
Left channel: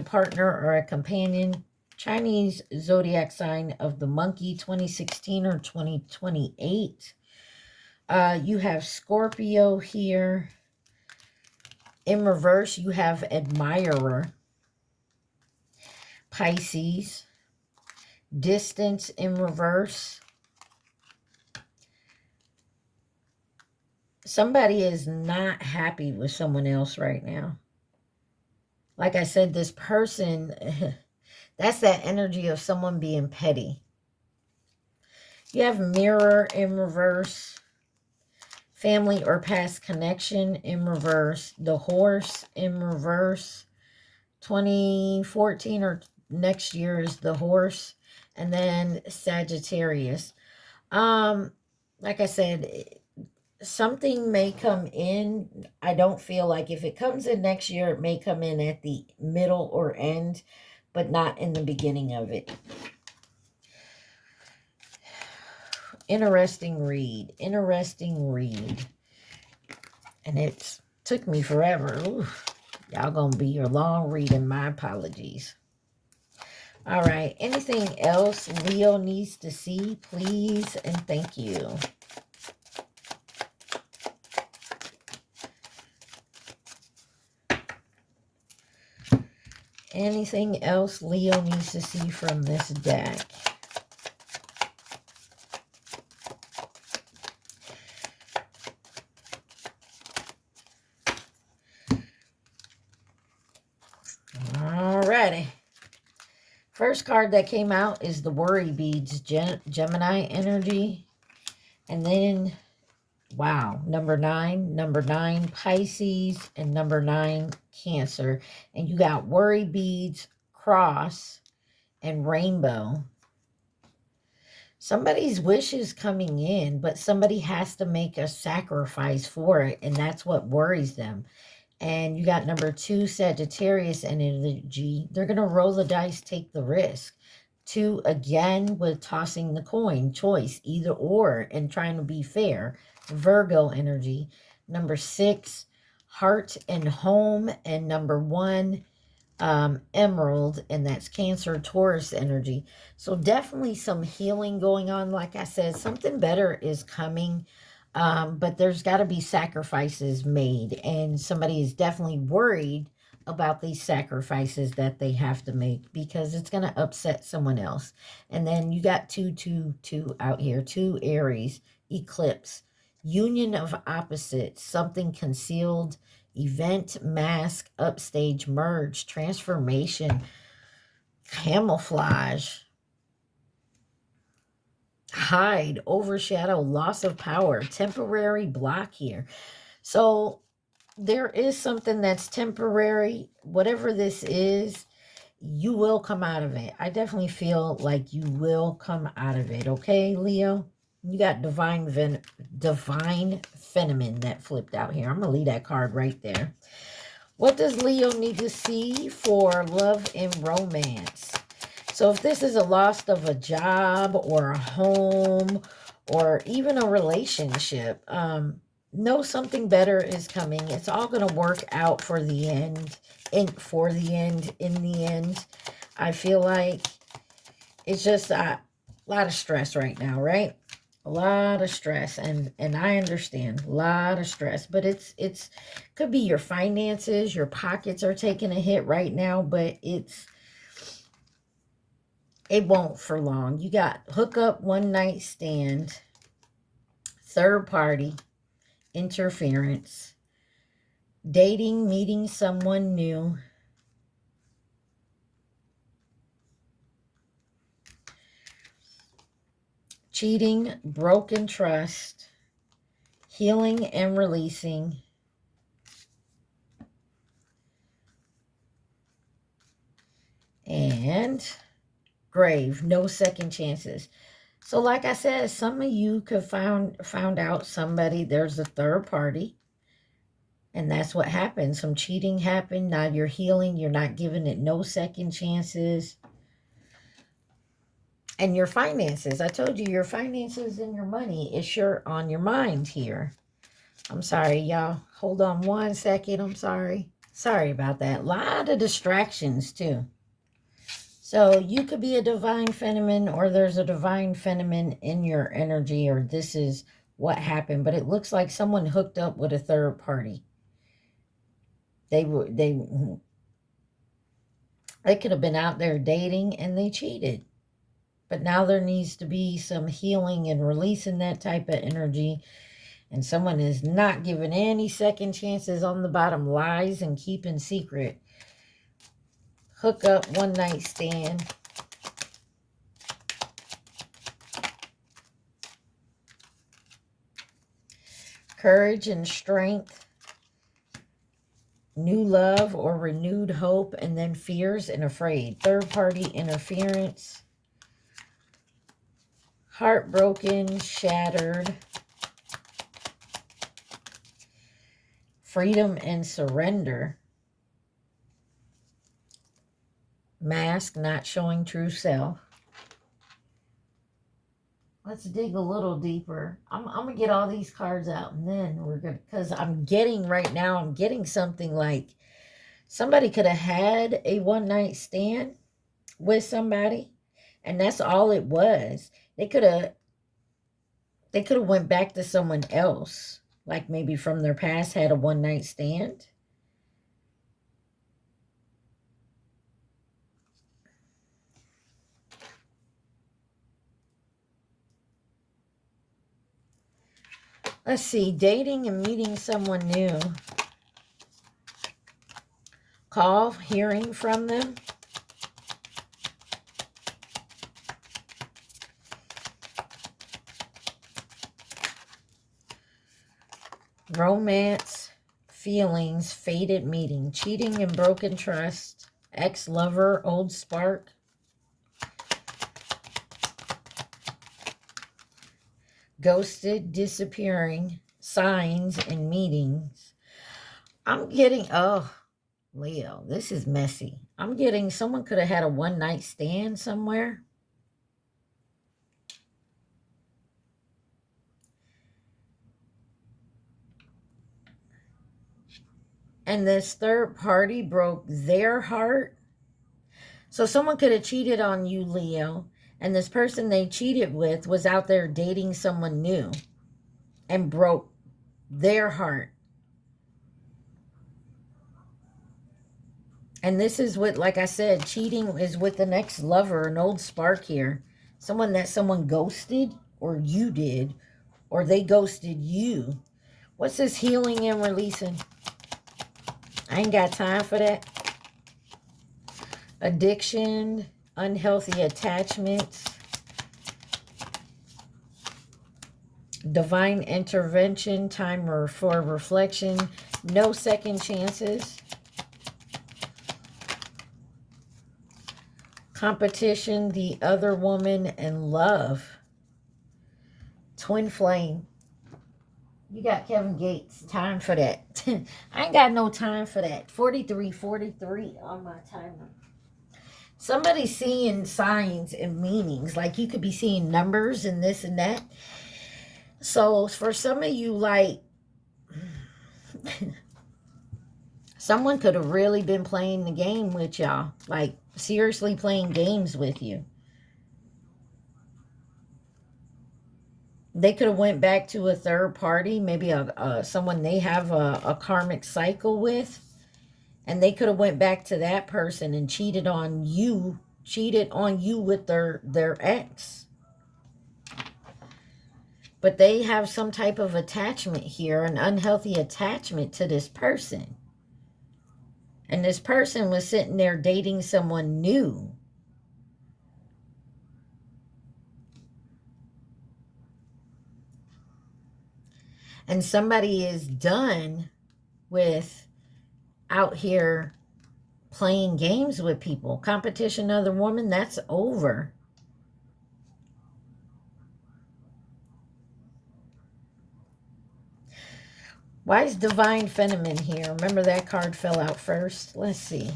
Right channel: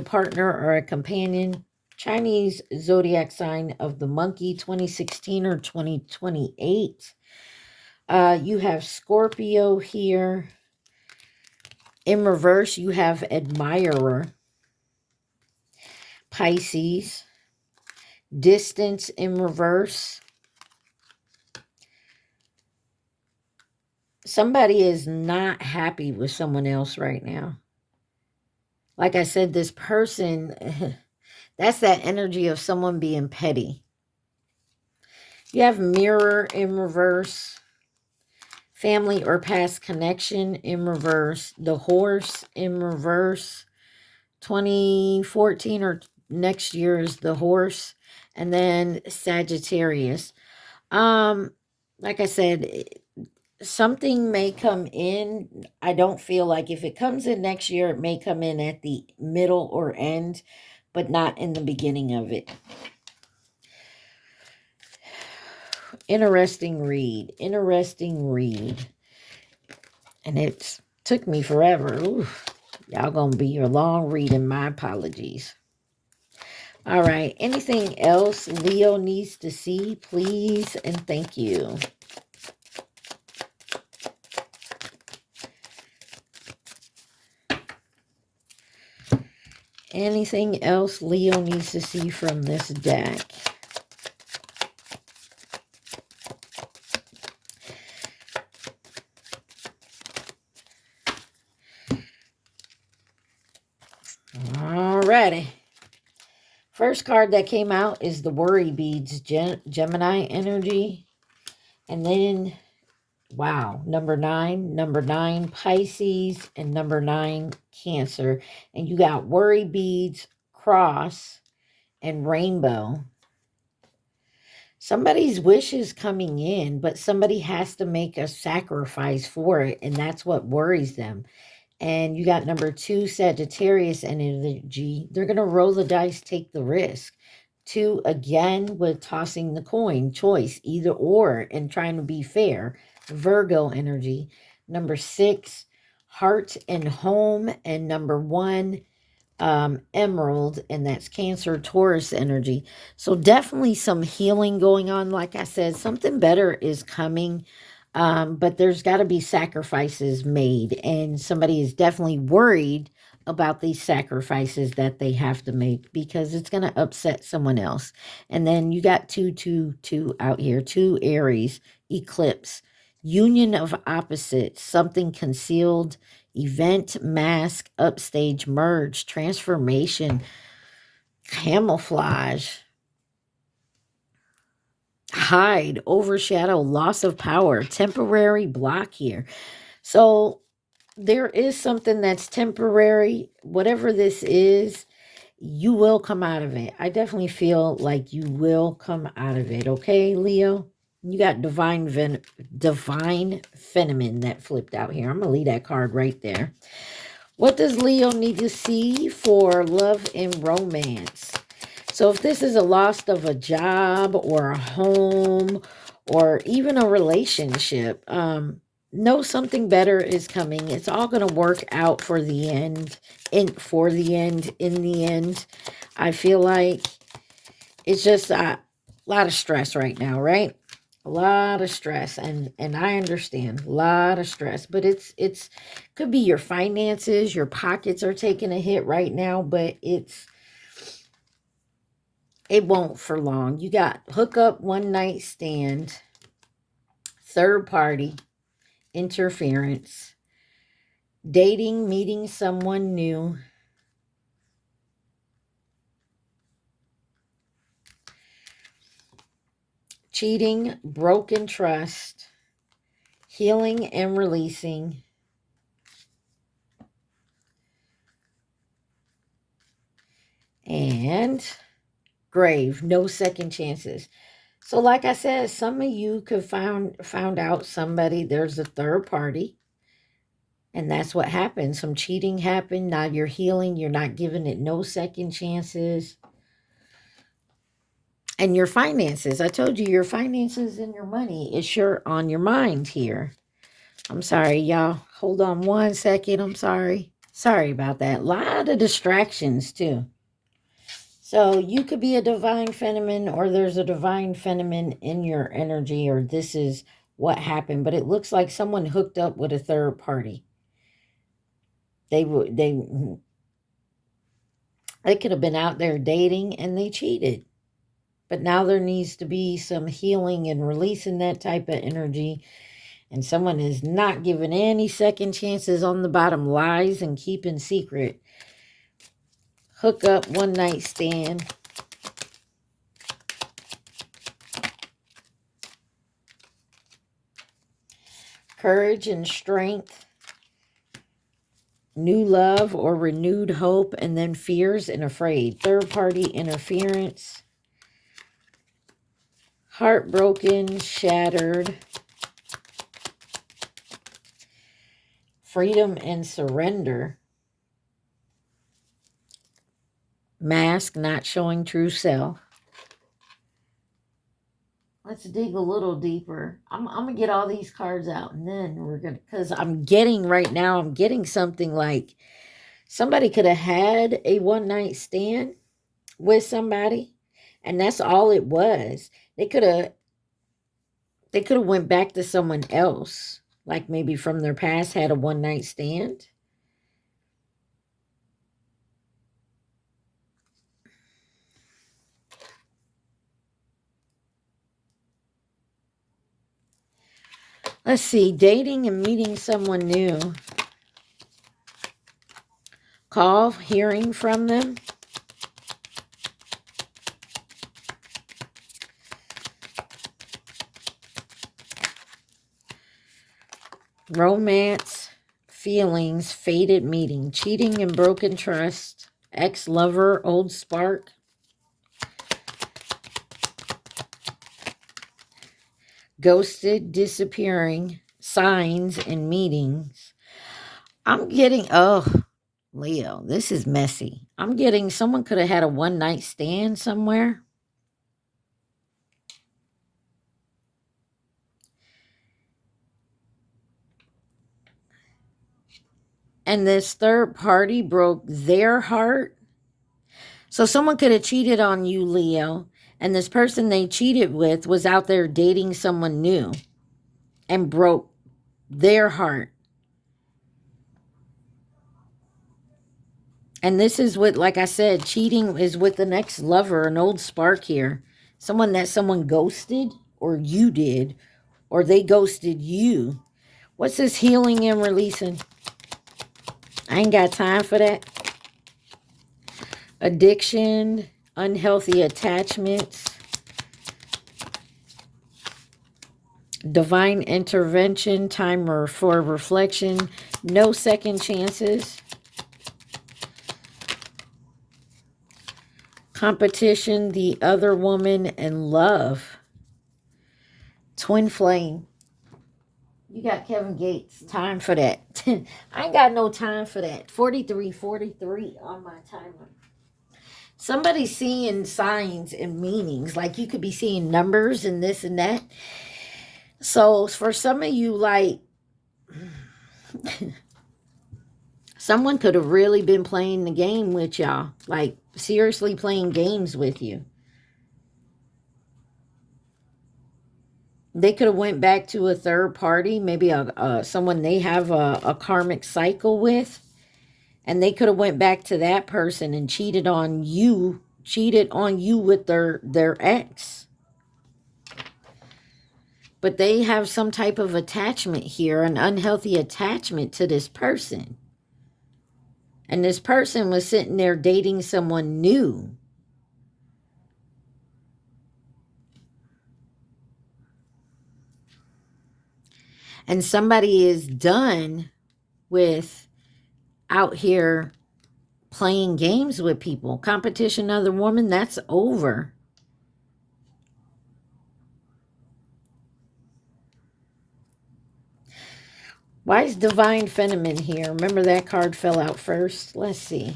partner or a companion. Chinese zodiac sign of the monkey, 2016 or 2028. You have Scorpio here. In reverse, you have admirer. Pisces. Distance in reverse. Somebody is not happy with someone else right now. Like I said, this person, that's that energy of someone being petty. You have mirror in reverse. Family or past connection in reverse. The horse in reverse. 2014 or next year is the horse. And then Sagittarius. Like I said, something may come in. I don't feel like if it comes in next year, it may come in at the middle or end, but not in the beginning of it. Interesting read. Interesting read. And it took me forever. Oof. Y'all gonna be your long reading. My apologies. All right. Anything else Leo needs to see, please, and thank you. Anything else Leo needs to see from this deck? Alrighty. First card that came out is the Worry Beads, Gemini energy. And then, wow, number 9, Pisces, and number 9, Cancer. And you got Worry Beads, Cross, and Rainbow. Somebody's wish is coming in, but somebody has to make a sacrifice for it, and that's what worries them. And you got number 2, Sagittarius energy. They're going to roll the dice, take the risk. 2, again, with tossing the coin, choice, either or, and trying to be fair. Virgo energy. Number 6, heart and home. And number 1, Emerald, and that's Cancer, Taurus energy. So definitely some healing going on. Like I said, something better is coming. But there's got to be sacrifices made, and somebody is definitely worried about these sacrifices that they have to make because it's going to upset someone else. And then you got 2 out here, 2 Aries, eclipse, union of opposites, something concealed, event, mask, upstage, merge, transformation, camouflage, hide, overshadow, loss of power, temporary block here. So there is something that's temporary. Whatever this is, you will come out of it. I definitely feel like you will come out of it. Okay, Leo? You got divine feminine that flipped out here. I'm going to leave that card right there. What does Leo need to see for love and romance? So if this is a loss of a job or a home or even a relationship, know something better is coming. It's all going to work out for the end. In the end, I feel like it's just a lot of stress right now, right? A lot of stress, and I understand, a lot of stress, but it's could be your finances, your pockets are taking a hit right now, but it won't for long. You got hookup, one night stand, third party, interference, dating, meeting someone new, cheating, broken trust, healing and releasing, and grave, no second chances. So like I said, some of you could found out somebody, there's a third party, and that's what happened. Some cheating happened. Now you're healing. You're not giving it no second chances. And your finances. I told you your finances and your money is sure on your mind here. I'm sorry, y'all. Hold on one second. I'm sorry. Sorry about that. A lot of distractions, too. So you could be a divine feminine, or there's a divine feminine in your energy, or this is what happened. But it looks like someone hooked up with a third party. They could have been out there dating and they cheated. But now there needs to be some healing and releasing that type of energy. And someone is not giving any second chances on the bottom, lies and keeping secret. Hook up, one night stand. Courage and strength. New love or renewed hope. And then fears and afraid. Third party interference. Heartbroken, shattered. Freedom and surrender. Mask, not showing true self. Let's dig a little deeper. I'm going to get all these cards out and then we're going to, because I'm getting right now, I'm getting something like somebody could have had a one-night stand with somebody and that's all it was. They could have went back to someone else, like maybe from their past had a one-night stand. Let's see, dating and meeting someone new. Call, hearing from them. Romance, feelings, faded meeting, cheating and broken trust, ex-lover, old spark. Ghosted, disappearing, signs and meetings. I'm getting, oh, Leo, this is messy. I'm getting someone could have had a one-night stand somewhere. And this third party broke their heart. So someone could have cheated on you, Leo, and this person they cheated with was out there dating someone new and broke their heart. And this is what, like I said, cheating is with the next lover, an old spark here. Someone that someone ghosted, or you did, or they ghosted you. What's this healing and releasing? I ain't got time for that. Addiction, unhealthy attachments, divine intervention, time for reflection, no second chances, competition, the other woman, and love. Twin flame. You got Kevin Gates. Time for that. I ain't got no time for that. 43 on my timer. Somebody's seeing signs and meanings. Like you could be seeing numbers and this and that. So for some of you, like, someone could have really been playing the game with y'all. Like, seriously playing games with you. They could have went back to a third party, maybe someone they have a karmic cycle with, and they could have went back to that person and cheated on you with their ex. But they have some type of attachment here, an unhealthy attachment to this person. And this person was sitting there dating someone new. And somebody is done with out here playing games with people. Competition, other woman, that's over. Why is Divine Feminine here? Remember that card fell out first? Let's see.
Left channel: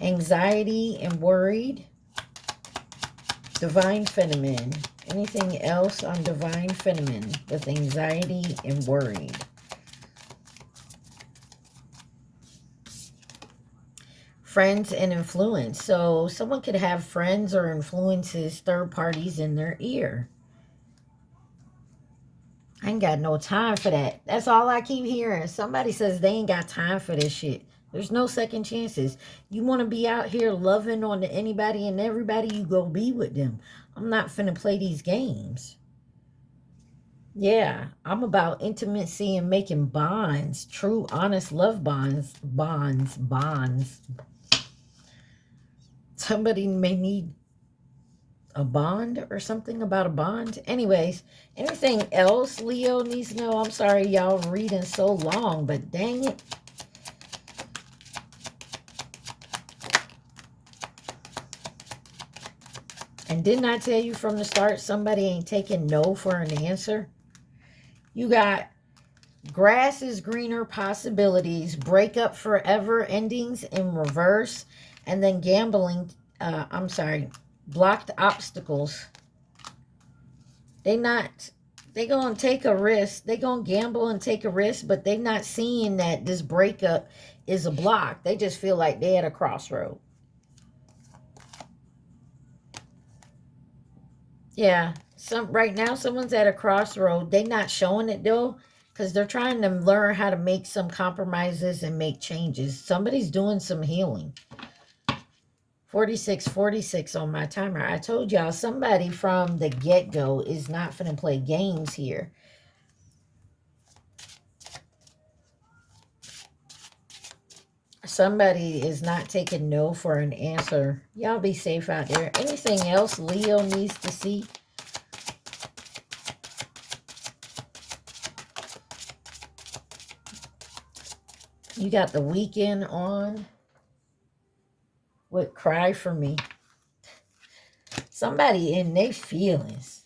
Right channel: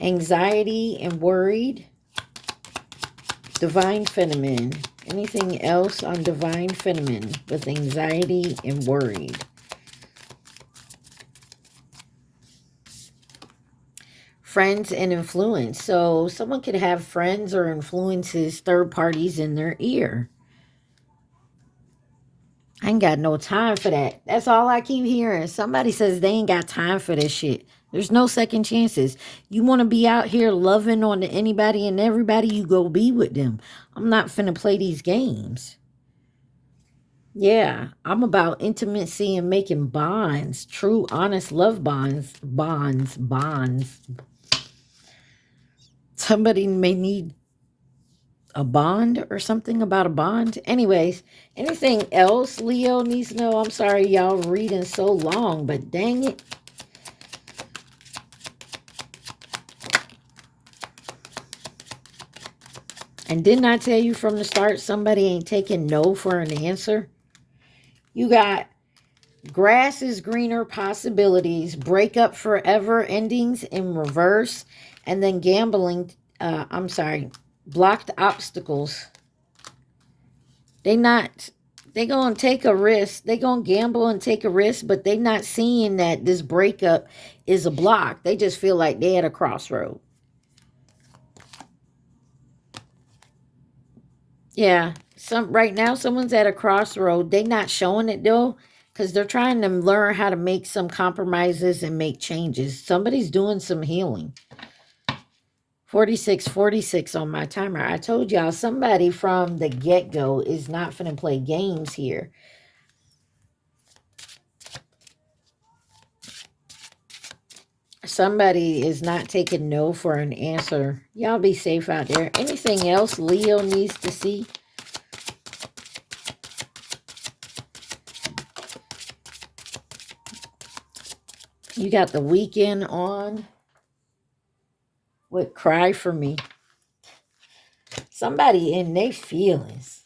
Anxiety and worried. Divine Feminine. Anything else on Divine Feminine with anxiety and worried? Friends and influence. So someone could have friends or influences, third parties in their ear. I ain't got no time for that. That's all I keep hearing. Somebody says they ain't got time for this shit. There's no second chances. You want to be out here loving on anybody and everybody, you go be with them. I'm not finna play these games. Yeah, I'm about intimacy and making bonds. True, honest love bonds. Bonds. Somebody may need a bond or something about a bond. Anyways, anything else Leo needs to know? I'm sorry y'all reading so long, but dang it. And didn't I tell you from the start, somebody ain't taking no for an answer? You got grass is greener possibilities, break up forever endings in reverse, and then gambling, blocked obstacles. They not, they gonna take a risk. They gonna gamble and take a risk, but they not seeing that this breakup is a block. They just feel like they at a crossroad. Yeah, right now someone's at a crossroad. They not showing it though, because they're trying to learn how to make some compromises and make changes. Somebody's doing some healing. 46 on my timer. I told y'all somebody from the get-go is not finna play games here. Somebody is not taking no for an answer. Y'all be safe out there. Anything else Leo needs to see? You got the weekend on with Cry For Me. Somebody in their feelings.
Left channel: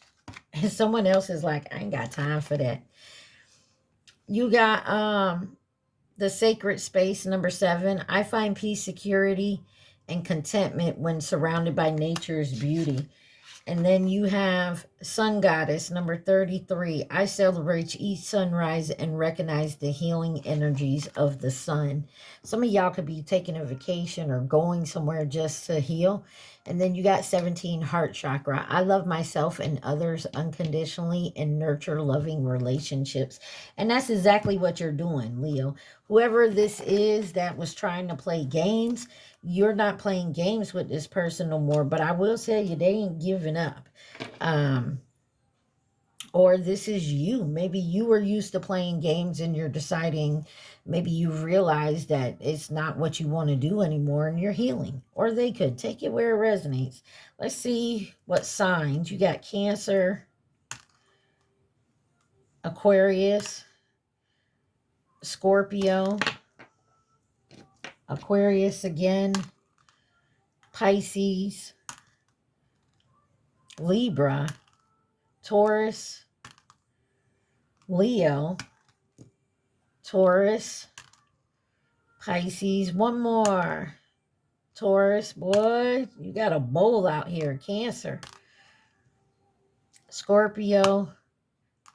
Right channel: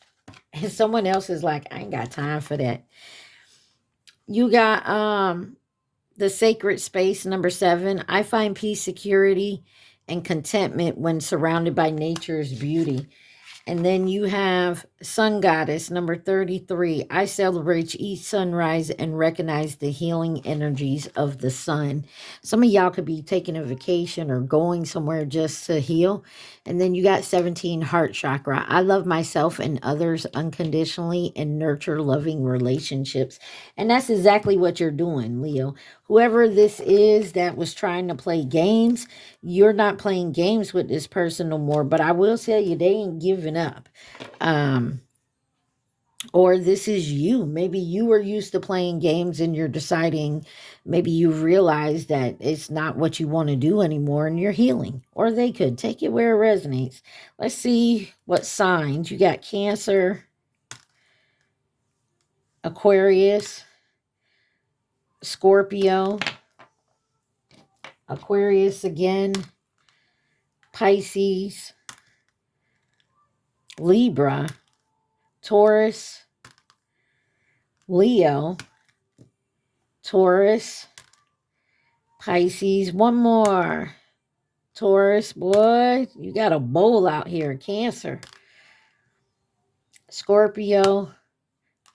And someone else is like, I ain't got time for that. You got the sacred space, number 7. I find peace, security, and contentment when surrounded by nature's beauty. And then you have Sun Goddess, number 33. I celebrate each sunrise and recognize the healing energies of the sun. Some of y'all could be taking a vacation or going somewhere just to heal. And then you got 17, Heart Chakra. I love myself and others unconditionally and nurture loving relationships. And that's exactly what you're doing, Leo. Whoever this is that was trying to play games, you're not playing games with this person no more. But I will tell you, they ain't giving up. Or this is you. Maybe you were used to playing games and you're deciding, maybe you've realized that it's not what you want to do anymore and you're healing. Or they could take it where it resonates. Let's see what signs. You got Cancer, Aquarius, Scorpio, Aquarius again, Pisces, Libra, Taurus, Leo, Taurus, Pisces. One more. Taurus, boy, you got a bowl out here. Cancer, Scorpio,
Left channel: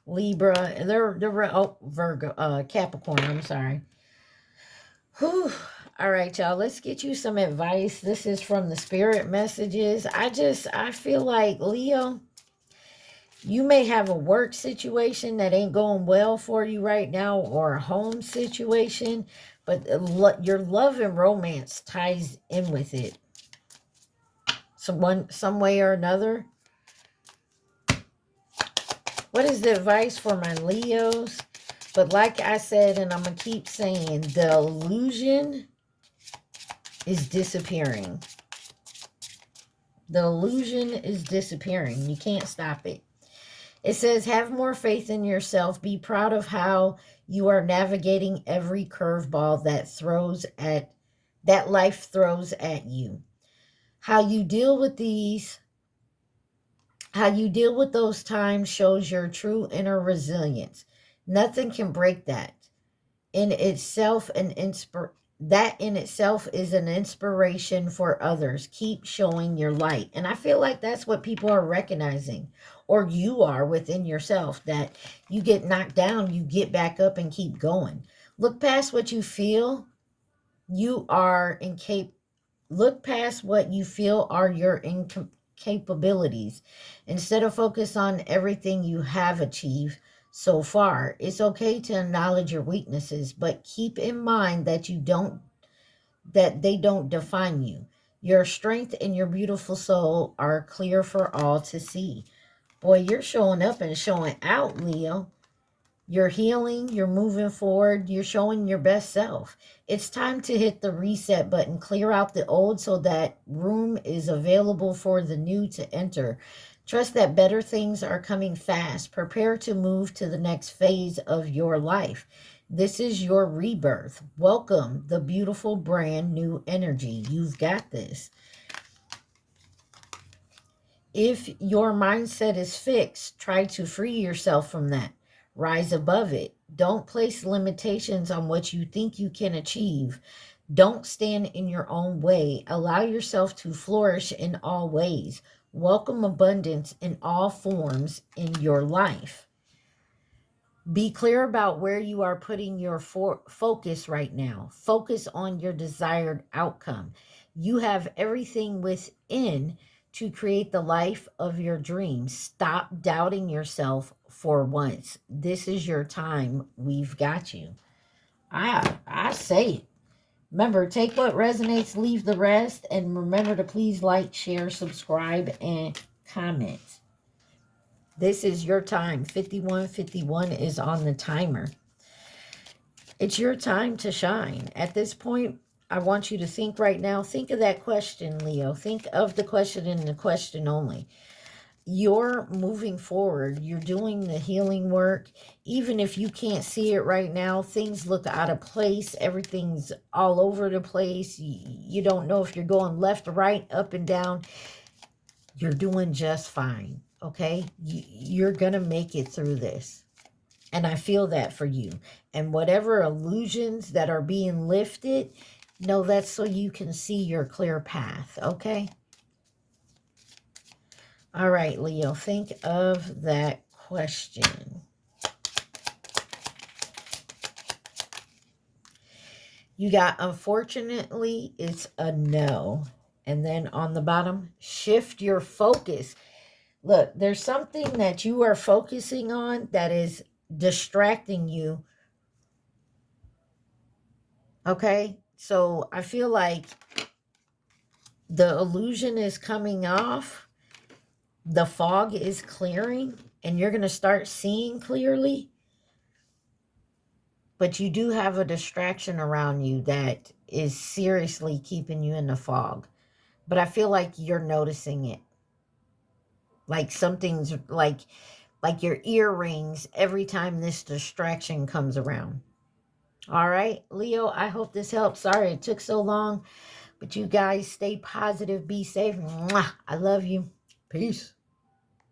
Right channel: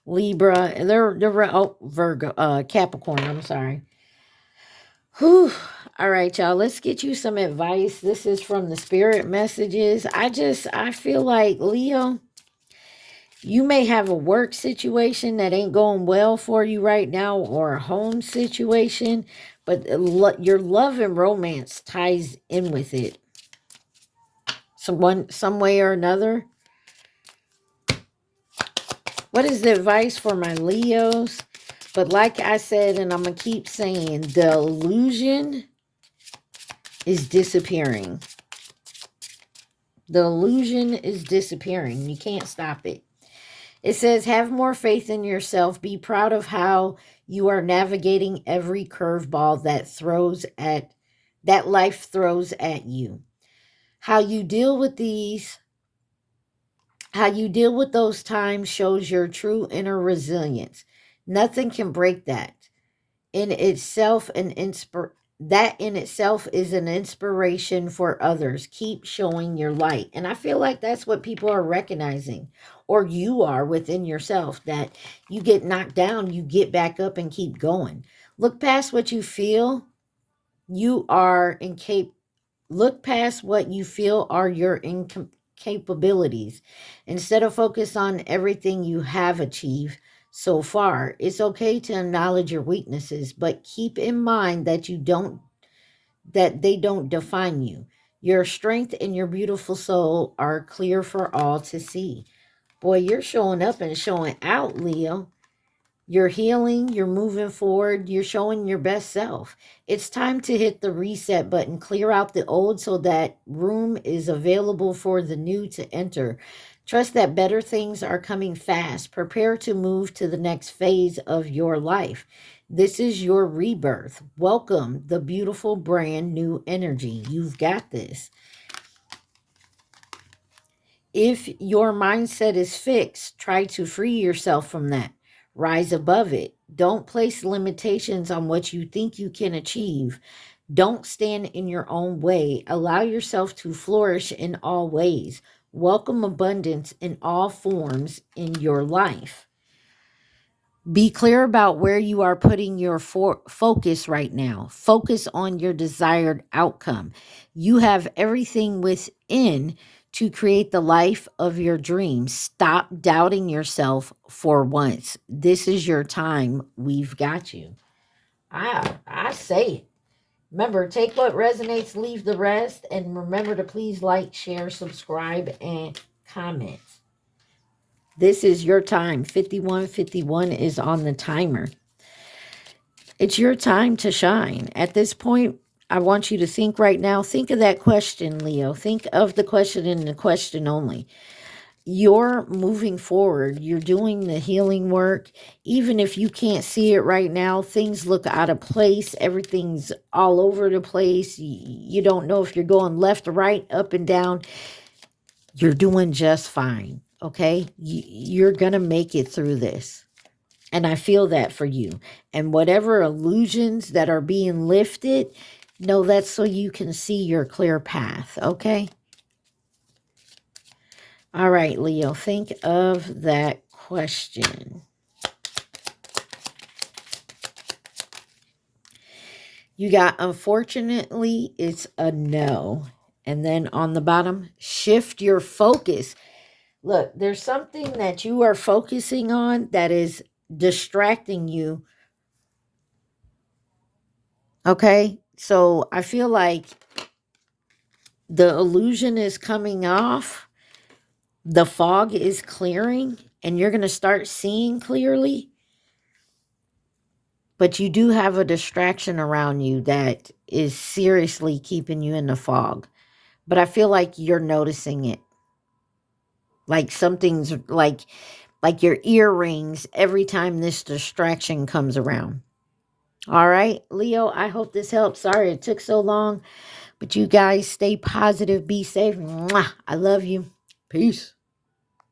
Libra, and they're Virgo, Capricorn. I'm sorry. Whew. All right, y'all. Let's get you some advice. This is from the spirit messages. I feel like, Leo, you may have a work situation that ain't going well for you right now, or a home situation, but your love and romance ties in with it. Some way or another. What is the advice for my Leos? But like I said, and I'm going to keep saying, the illusion is disappearing. The illusion is disappearing. You can't stop it. It says, have more faith in yourself. Be proud of how you are navigating every curveball that life throws at you. How you deal with those times shows your true inner resilience. Nothing can break that. That in itself is an inspiration for others. Keep showing your light. And I feel like that's what people are recognizing, or you are within yourself, that you get knocked down, you get back up and keep going. Look past what you feel. Look past what you feel are your incapabilities. Instead of focus on everything you have achieved so far. It's okay to acknowledge your weaknesses, but keep in mind that they don't define you. Your strength and your beautiful soul are clear for all to see. Boy, you're showing up and showing out, Leo. You're healing, you're moving forward, you're showing your best self. It's time to hit the reset button, clear out the old so that room is available for the new to enter. Trust that better things are coming fast. Prepare to move to the next phase of your life. This is your rebirth. Welcome the beautiful brand new energy. You've got this. If your mindset is fixed, try to free yourself from that. Rise above it. Don't place limitations on what you think you can achieve. Don't stand in your own way. Allow yourself to flourish in all ways. Welcome abundance in all forms in your life. Be clear about where you are putting your focus right now. Focus on your desired outcome. You have everything within to create the life of your dreams. Stop doubting yourself for once. This is your time. We've got you. I say it. Remember, take what resonates, leave the rest, and remember to please like, share, subscribe, and comment. This is your time. 5151 is on the timer. It's your time to shine. At this point, I want you to think right now. Think of that question, Leo. Think of the question and the question only. You're moving forward. You're doing the healing work. Even if you can't see it right now, things look out of place. Everything's all over the place. You don't know if you're going left or right, up and down. You're doing just fine, okay? You're going to make it through this. And I feel that for you. And whatever illusions that are being lifted, know that's so you can see your clear path, okay? All right, Leo, think of that question. You got, unfortunately, it's a no. And then on the bottom, shift your focus. Look, there's something that you are focusing on that is distracting you. Okay, so I feel like the illusion is coming off. The fog is clearing and you're going to start seeing clearly. But you do have a distraction around you that is seriously keeping you in the fog. But I feel like you're noticing it. Like something's like your earrings every time this distraction comes around. All right, Leo, I hope this helps. Sorry it took so long. But you guys stay positive, be safe. Mwah. I love you. Peace.